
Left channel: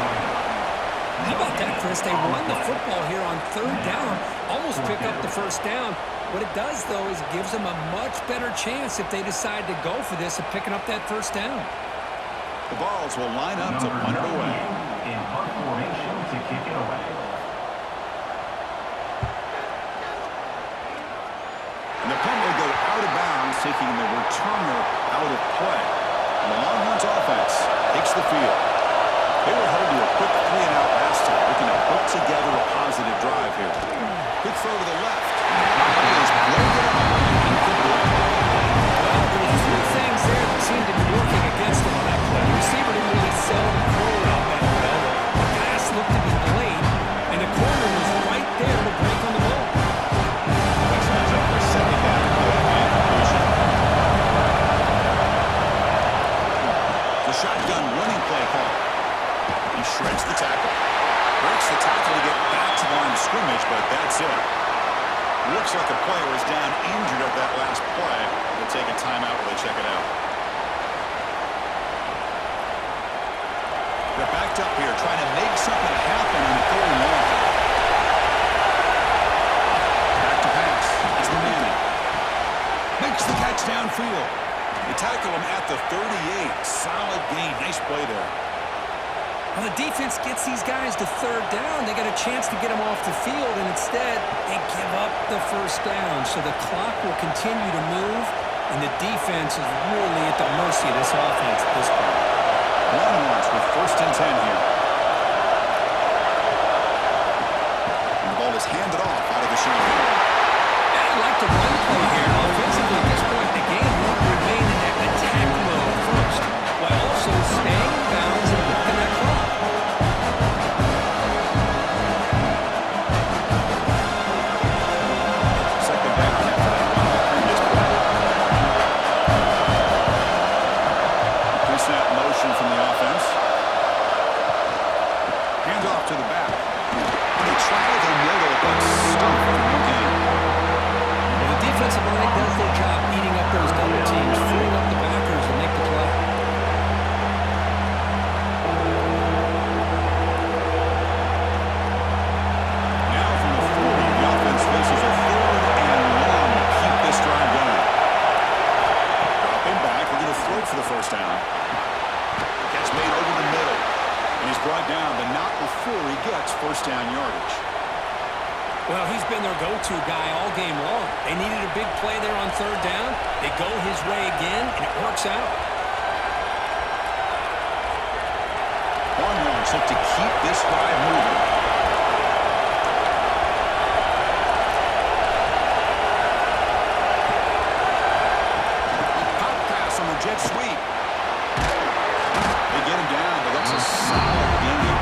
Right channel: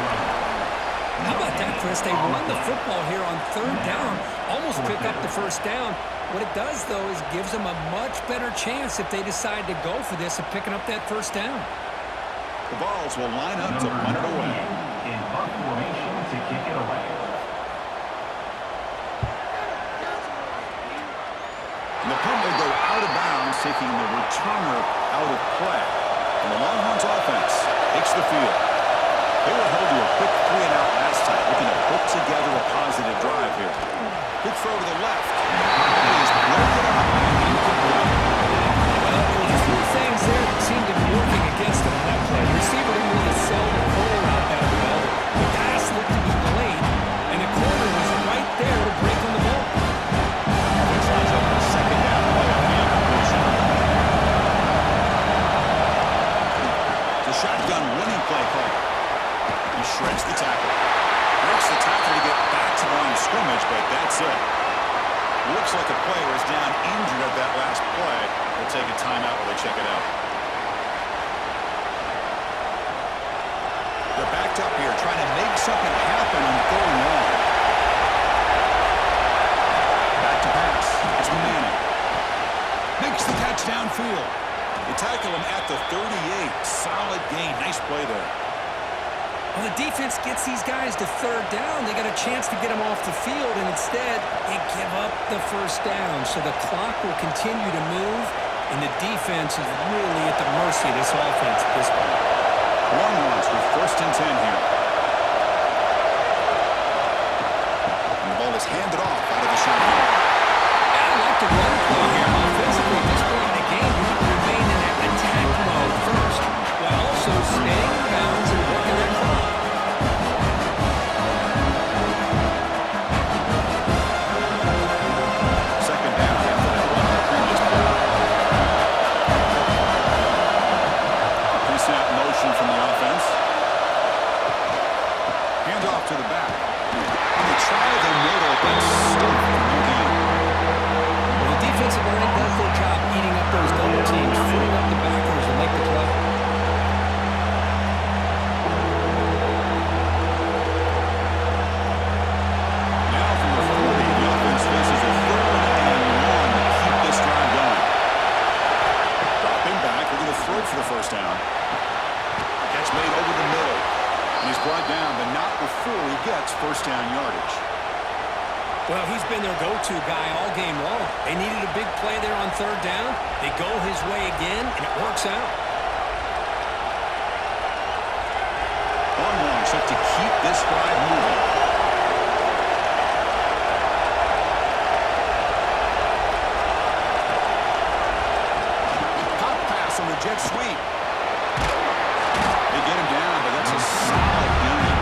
How about that, Chris? They run the football here on third down, almost pick up the first down. What it does, though, is gives them a much better chance if they decide to go for this of picking up that first down. The Vols will line up to punt it away. In punt formation to kick it away. And the punt will go out of bounds, taking the returner out of play. And the Longhorns offense takes the field. They were held to a quick 3-and-out last time, looking to put together a positive drive here. Good throw to the left. It is broken up and incomplete. Well, there were three things there that seemed to be working against him on that play. The receiver didn't really sell the curl route that well. The pass looked to be late, and the corner was right there to break on the ball. Offense lines up for a second down play off the incompletion. The shotgun running play call. He shreds the tackle. Breaks the tackle to get back to the line of scrimmage, but that's it. Looks like a player is down injured at that last play. They'll take a timeout while they check it out. They're backed up here trying to make something happen on third and long. Back to pass. It's Manning. Makes the catch downfield. They tackle him at the 38. Solid gain. Nice play there. Well, the defense gets these guys to third down. They got a chance to get them off the field, and instead they give up the first down. So the clock will continue to move, and the defense is really at the mercy of this offense at this point. Longhorns with first and 10 here. And the ball is handed off out of the shotgun. Yeah, I like the run play here. Offensively, at this point in the game, you want to remain in that attack mode first, while also staying in bounds and working that clock. Second down after that run on the previous play. A pre-snap motion from the offense. Hand off to the back. And they try the middle, but stuck for no gain. Well, the defensive line does their job eating up those double teams, freeing up the backers, and they Looking to throw for the first down. Catch made over the middle. And he's brought down, but not before he gets first down yardage. Well, he's been their go-to guy all game long. They needed a big play there on third down. They go his way again, and it works out. Longhorns look to keep this drive moving. A pop pass on the jet sweep. They get him down, but that's a solid gain.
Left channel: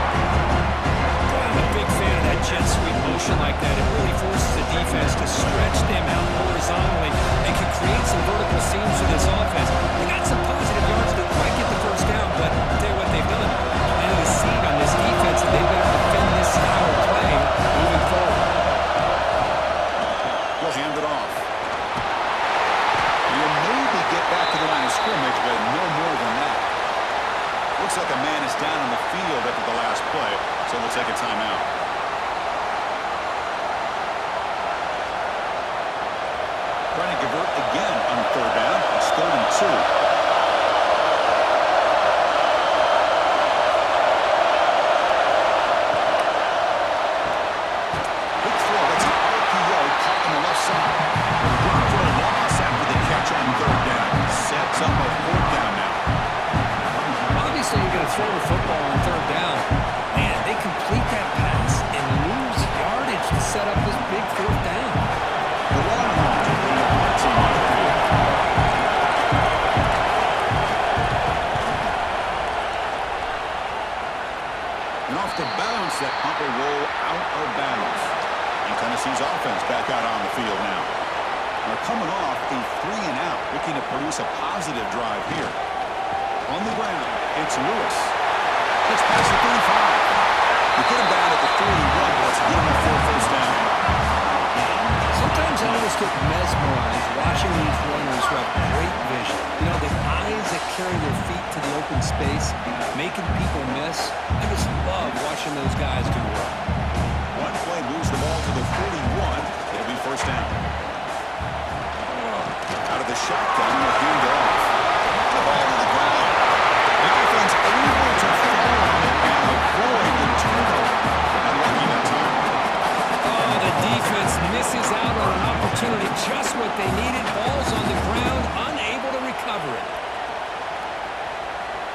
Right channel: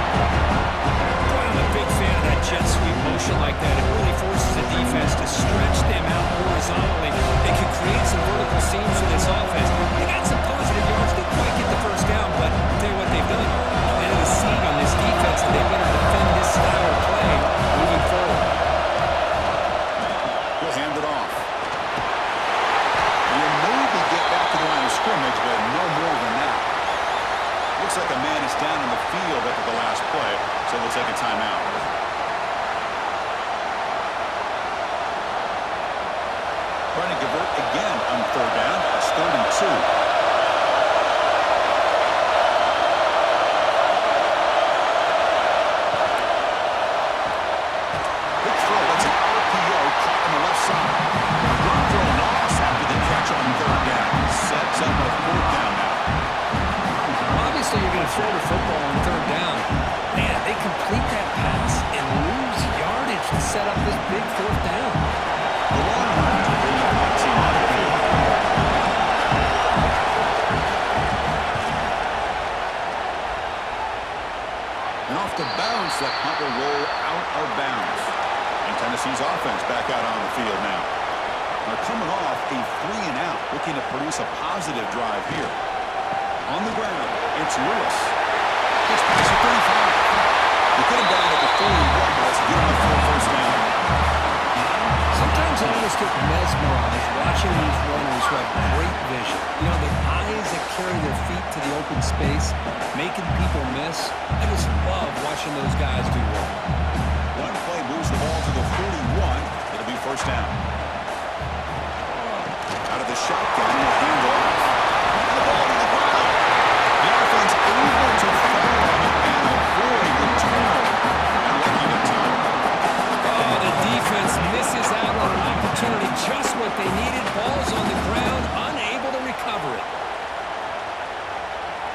Boy, I'm a big fan of that jet sweep motion like that. It really forces the defense to stretch them out horizontally and can create some vertical seams for this offense. They got some positive yards. Didn't quite get the first down, but I'll tell you what they've done. Planted a seed on this defense, and they better defend this style of play moving forward. We'll hand it off. You'll maybe get back to the line of scrimmage, but no more than that. Looks like a man is down on the field after the last play, so we'll take a timeout. Trying to convert again on third down. It's 3rd and 2. Quick throw. That's an RPO caught on the left side. Run for a loss after the catch on third down. Sets up a 4th down now. Obviously, you're going to throw the football on third down. Man, they complete that pass and lose yardage to set up this big 4th down. The Longhorns will bring the punt team onto the field. And off the bounce, that punt will roll out of bounds. And Tennessee's offense back out on the field now. They're coming off a 3-and-out, looking to produce a positive drive here. On the ground, it's Lewis. Gets past the 35. They get him down at the 41, but let's get him up for a first down. Sometimes I always get mesmerized watching these runners who have great vision. You know, the eyes that carry their feet to the open space, making people miss. I just love watching those guys do work. One play moves the ball to the 41. It'll be first down. Out of the shotgun, we'll hand off. The ball to the ground. The offense able to fall on it and avoid the turnover. And lucky that time. Oh, the defense misses out on an opportunity, just what they needed. Ball's on the ground, unable to recover it.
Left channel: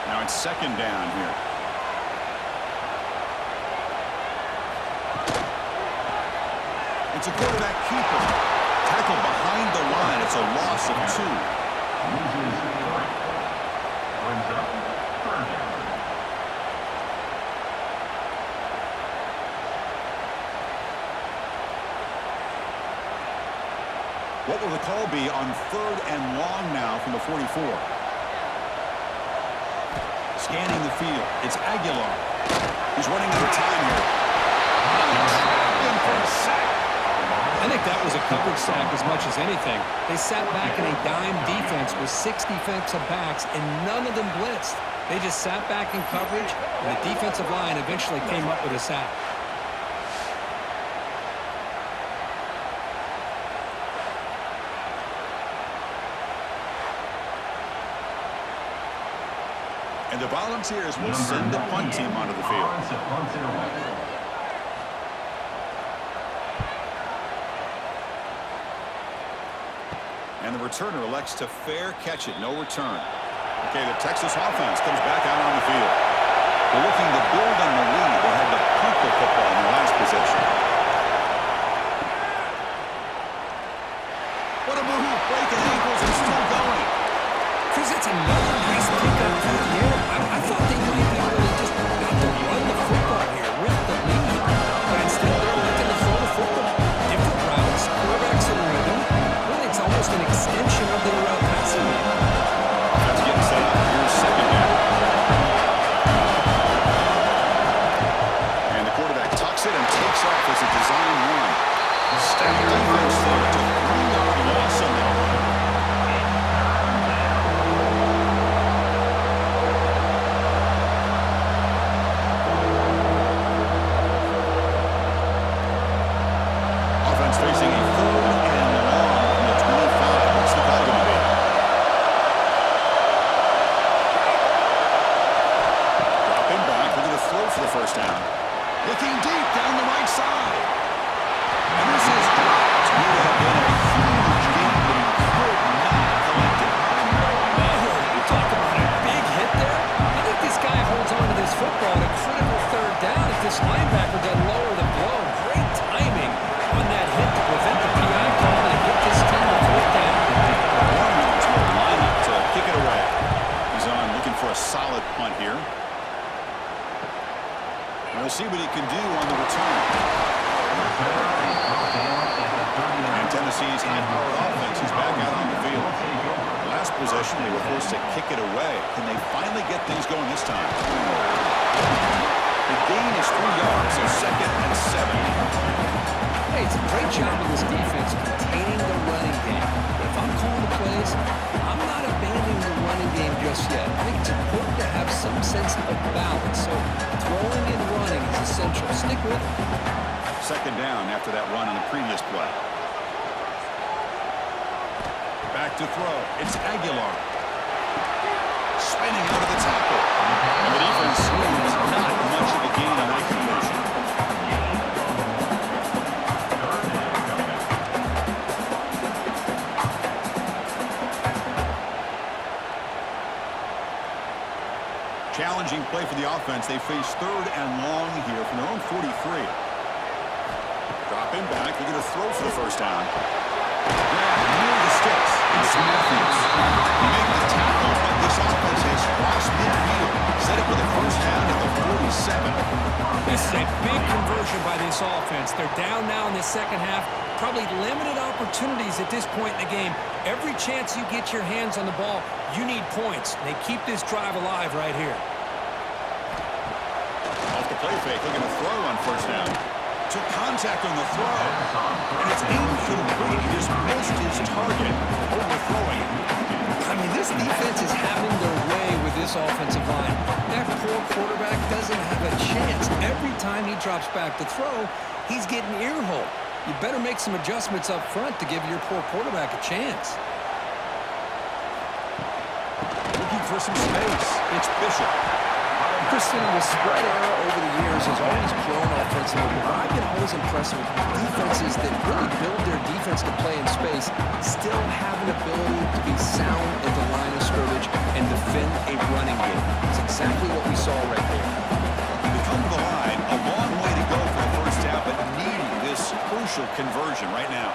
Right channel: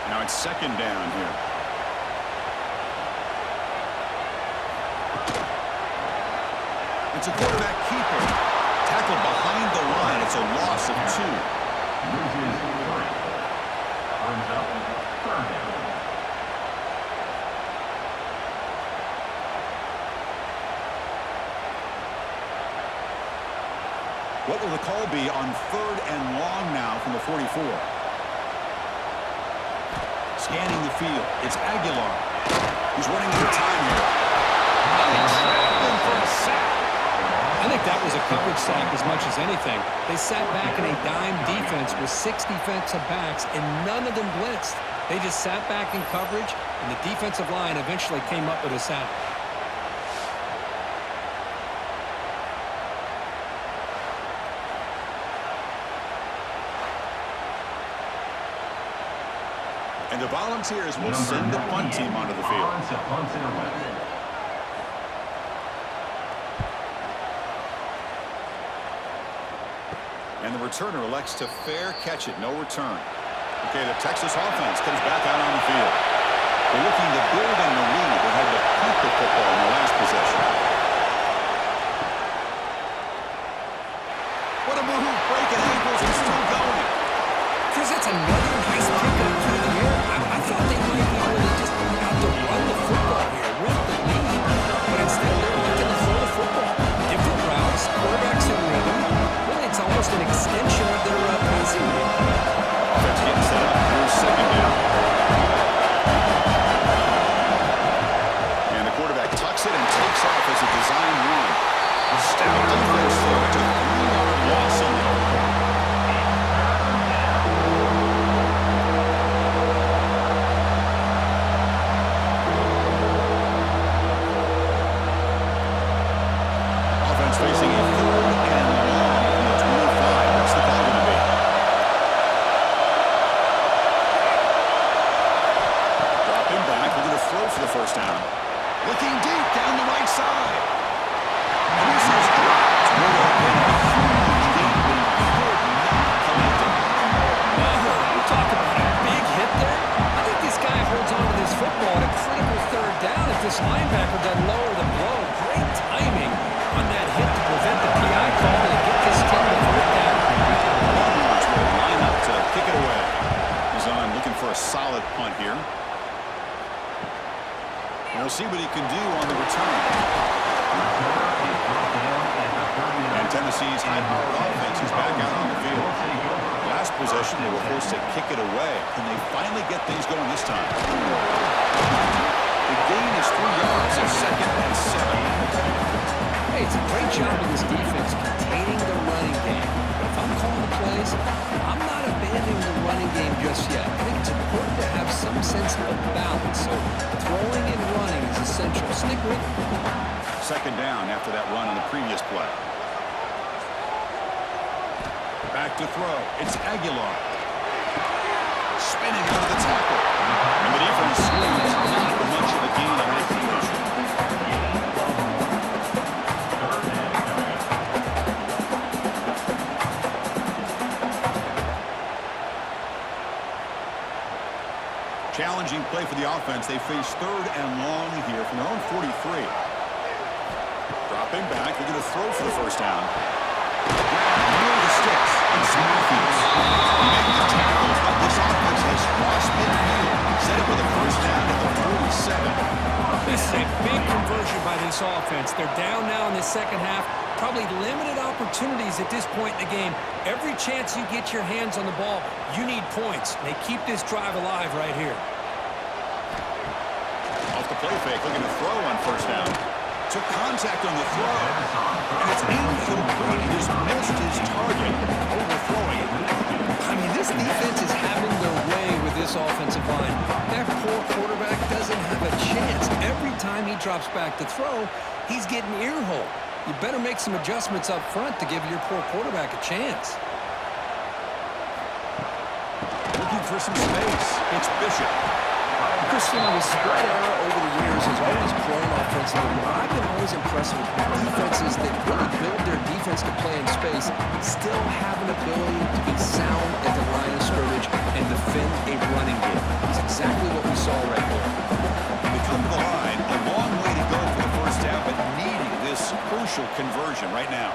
Now it's 2nd down here. It's a quarterback keeper. Tackled behind the line. It's a loss of 2. Loses 3. Brings up 3rd down. What will the call be on 3rd and long now from the 44? Scanning the field. It's Aguilar. He's running out of time here. They trapped him for a sack. I think that was a coverage sack as much as anything. They sat back in a dime defense with 6 defensive backs, and none of them blitzed. They just sat back in coverage, and the defensive line eventually came up with a sack. And the Volunteers will send the punt team onto the field. And the returner elects to fair catch it, no return. Okay, the Texas offense comes back out on the field. They're looking to build on the lead. They had to punt the football in their last possession. What a move, breaking ankles and still going. Chris, that's another nice pickup through the air. I thought they might be really just out to run the football here with the lead. But instead, they're looking to throw the football. Different routes, quarterbacks in rhythm. Really, it's almost an extension of their passing game. Offense getting set up. Here's 2nd down. And the quarterback tucks it and takes off as a design run. Stout defense there to 3-yard loss on that run. Offense facing a 3rd and long from the 25. What's the call going to be? Looking deep down the right side. And this is dropped. Would have been a huge gain, but he could not collect it. Oh, you talk about a big hit there. I think this guy holds on to this football at a critical third down if this linebacker doesn't lower the blow. Great timing on that hit to prevent the PI call and get this team to fourth down. Longhorns will line up to kick it away. He's on looking for a solid punt here. And we'll see what he can do on the return. And Tennessee's high-powered offense is back out on the field. Last possession, they were forced to kick it away. Can they finally get things going this time? The gain is 3 yards, so 2nd and 7. Hey, it's a great job of this defense containing the running game. But if I'm calling the plays, I'm not abandoning the running game just yet. I think it's important to have some sense of balance. So throwing and running is essential. Stick with it. 2nd down after that run on the previous play. Back to throw. It's Aguilar. Spinning out of the tackle. And the defense screams not much of a gain on that completion. Challenging play for the offense. They face 3rd and long here from their own 43. Dropping back. They're going to throw for the first down. Grab near the sticks. It's Matthews. He made the tackle, but this offense has crossed midfield. Set up with a first down at the 47. This is a big conversion by this offense. They're down now in the second half. Probably limited opportunities at this point in the game. Every chance you get your hands on the ball, you need points. They keep this drive alive right here. Off the play fake, looking to throw on first down. Took contact on the throw, and it's incomplete. He just missed his target, overthrowing it. I mean, this defense is having their way with this offensive line. That poor quarterback doesn't have a chance. Every time he drops back to throw, he's getting ear-holed. You better make some adjustments up front to give your poor quarterback a chance. Looking for some space. It's Bishop. Christian, the spread era over the years has always grown offensively, but I've been always impressed with defenses that really build their defense to play in space, still have an ability to be sound at the line of scrimmage and defend a running game. It's exactly what we saw right there. They come to the line, a long way to go for the first down, but needing this crucial conversion right now.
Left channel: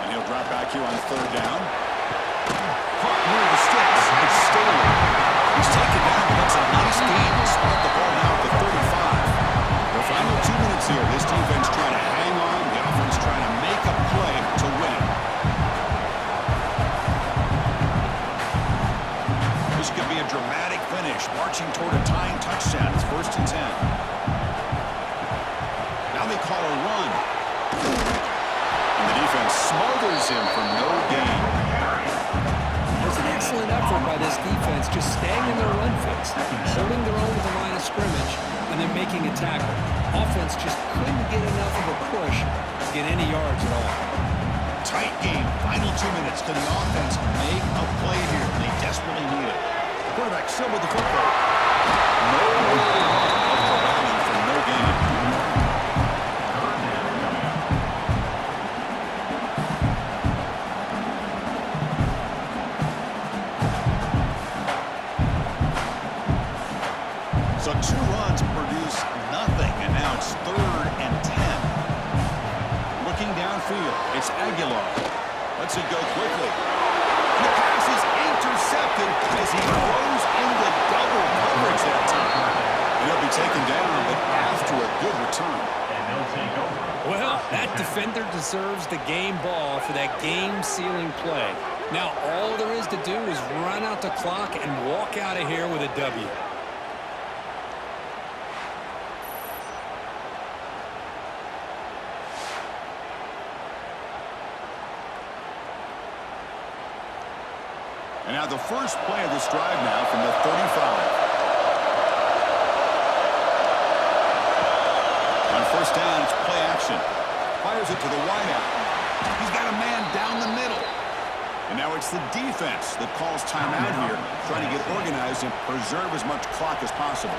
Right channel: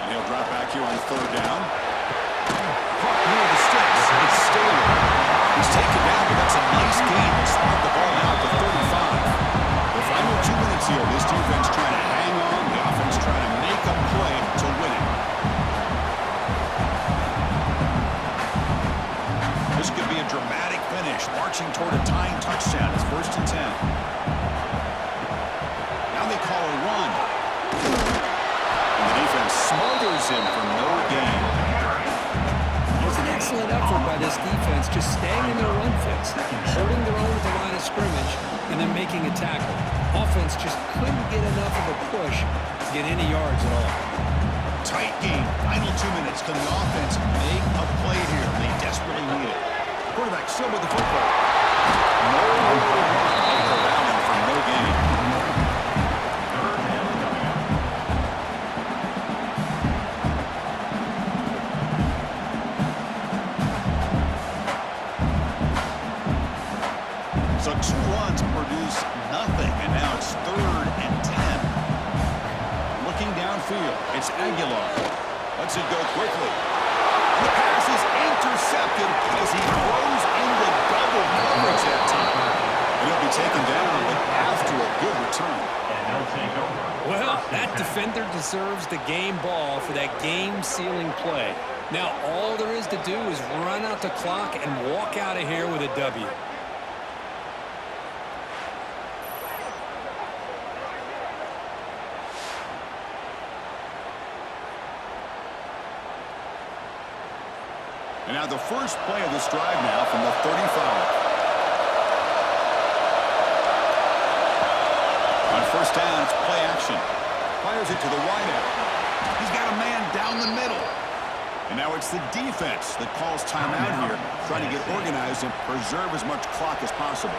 And he'll drop back here on 3rd down. Caught near the sticks. It's Staley. He's taken down, but that's a nice gain. They'll spot the ball now at the 35. The final 2 minutes here. This defense trying to hang on. The offense trying to make a play to win it. This could be a dramatic finish, marching toward a tying touchdown. It's 1st and 10. Now they call a run. And the defense smothers him for no gain. It was an excellent effort by this defense, just staying in their run fits, holding their own at the line of scrimmage, and then making a tackle. Offense just couldn't get enough of a push to get any yards at all. Tight game. Final 2 minutes. Can the offense make a play here? They desperately need it. Quarterback still with the football. No way to run. Up for Allen for no gain. So 2 runs produce nothing, and now it's 3rd and 10. Looking downfield, it's Aguilar. Lets it go quickly. And the pass is intercepted as he throws into double coverage that time. And he'll be taken down, but after a good return. And they'll take over. Well, that defender deserves the game ball for that game-sealing play. Now all there is to do is run out the clock and walk out of here with a W. And now the first play of this drive now from the 35. On first down, it's play action. Fires it to the wideout. He's got a man down the middle. And now it's the defense that calls timeout here, trying to get organized and preserve as much clock as possible.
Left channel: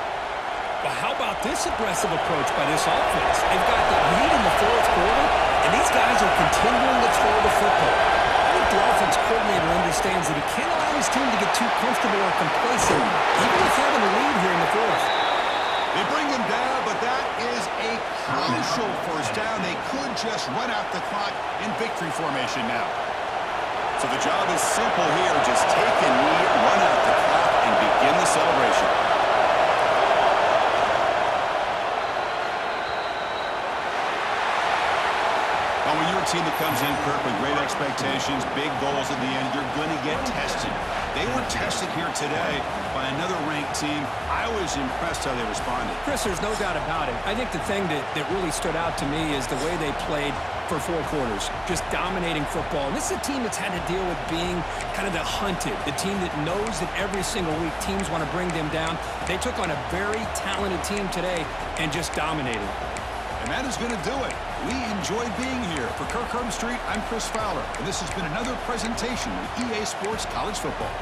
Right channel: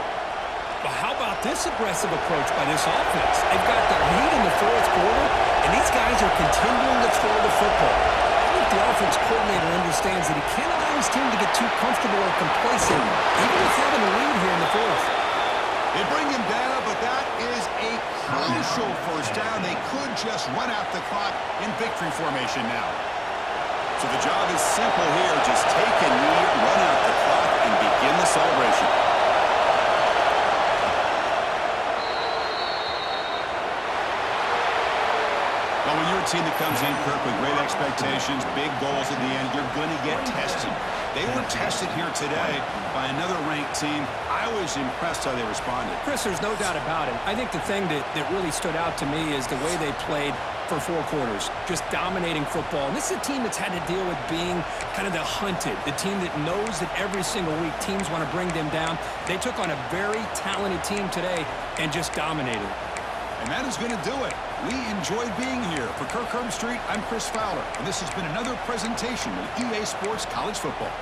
Well, how about this aggressive approach by this offense? They've got the lead in the fourth quarter, and these guys are continuing to throw the football. I think the offense coordinator understands that he can't allow his team to get too comfortable or complacent, even with having a lead here in the fourth. They bring him down, but that is a crucial first down. They could just run out the clock in victory formation now. So the job is simple here. Just take a knee, run out the clock, and begin the celebration. Well, when you're a team that comes in, Kirk, with great expectations, big goals at the end, you're going to get tested. They were tested here today by another ranked team. I was impressed how they responded. Chris, there's no doubt about it. I think the thing that really stood out to me is the way they played for 4 quarters, just dominating football. And this is a team that's had to deal with being kind of the hunted, the team that knows that every single week teams want to bring them down. They took on a very talented team today and just dominated. And that is going to do it. We enjoyed being here. For Kirk Street, I'm Chris Fowler, and this has been another presentation of EA Sports College Football.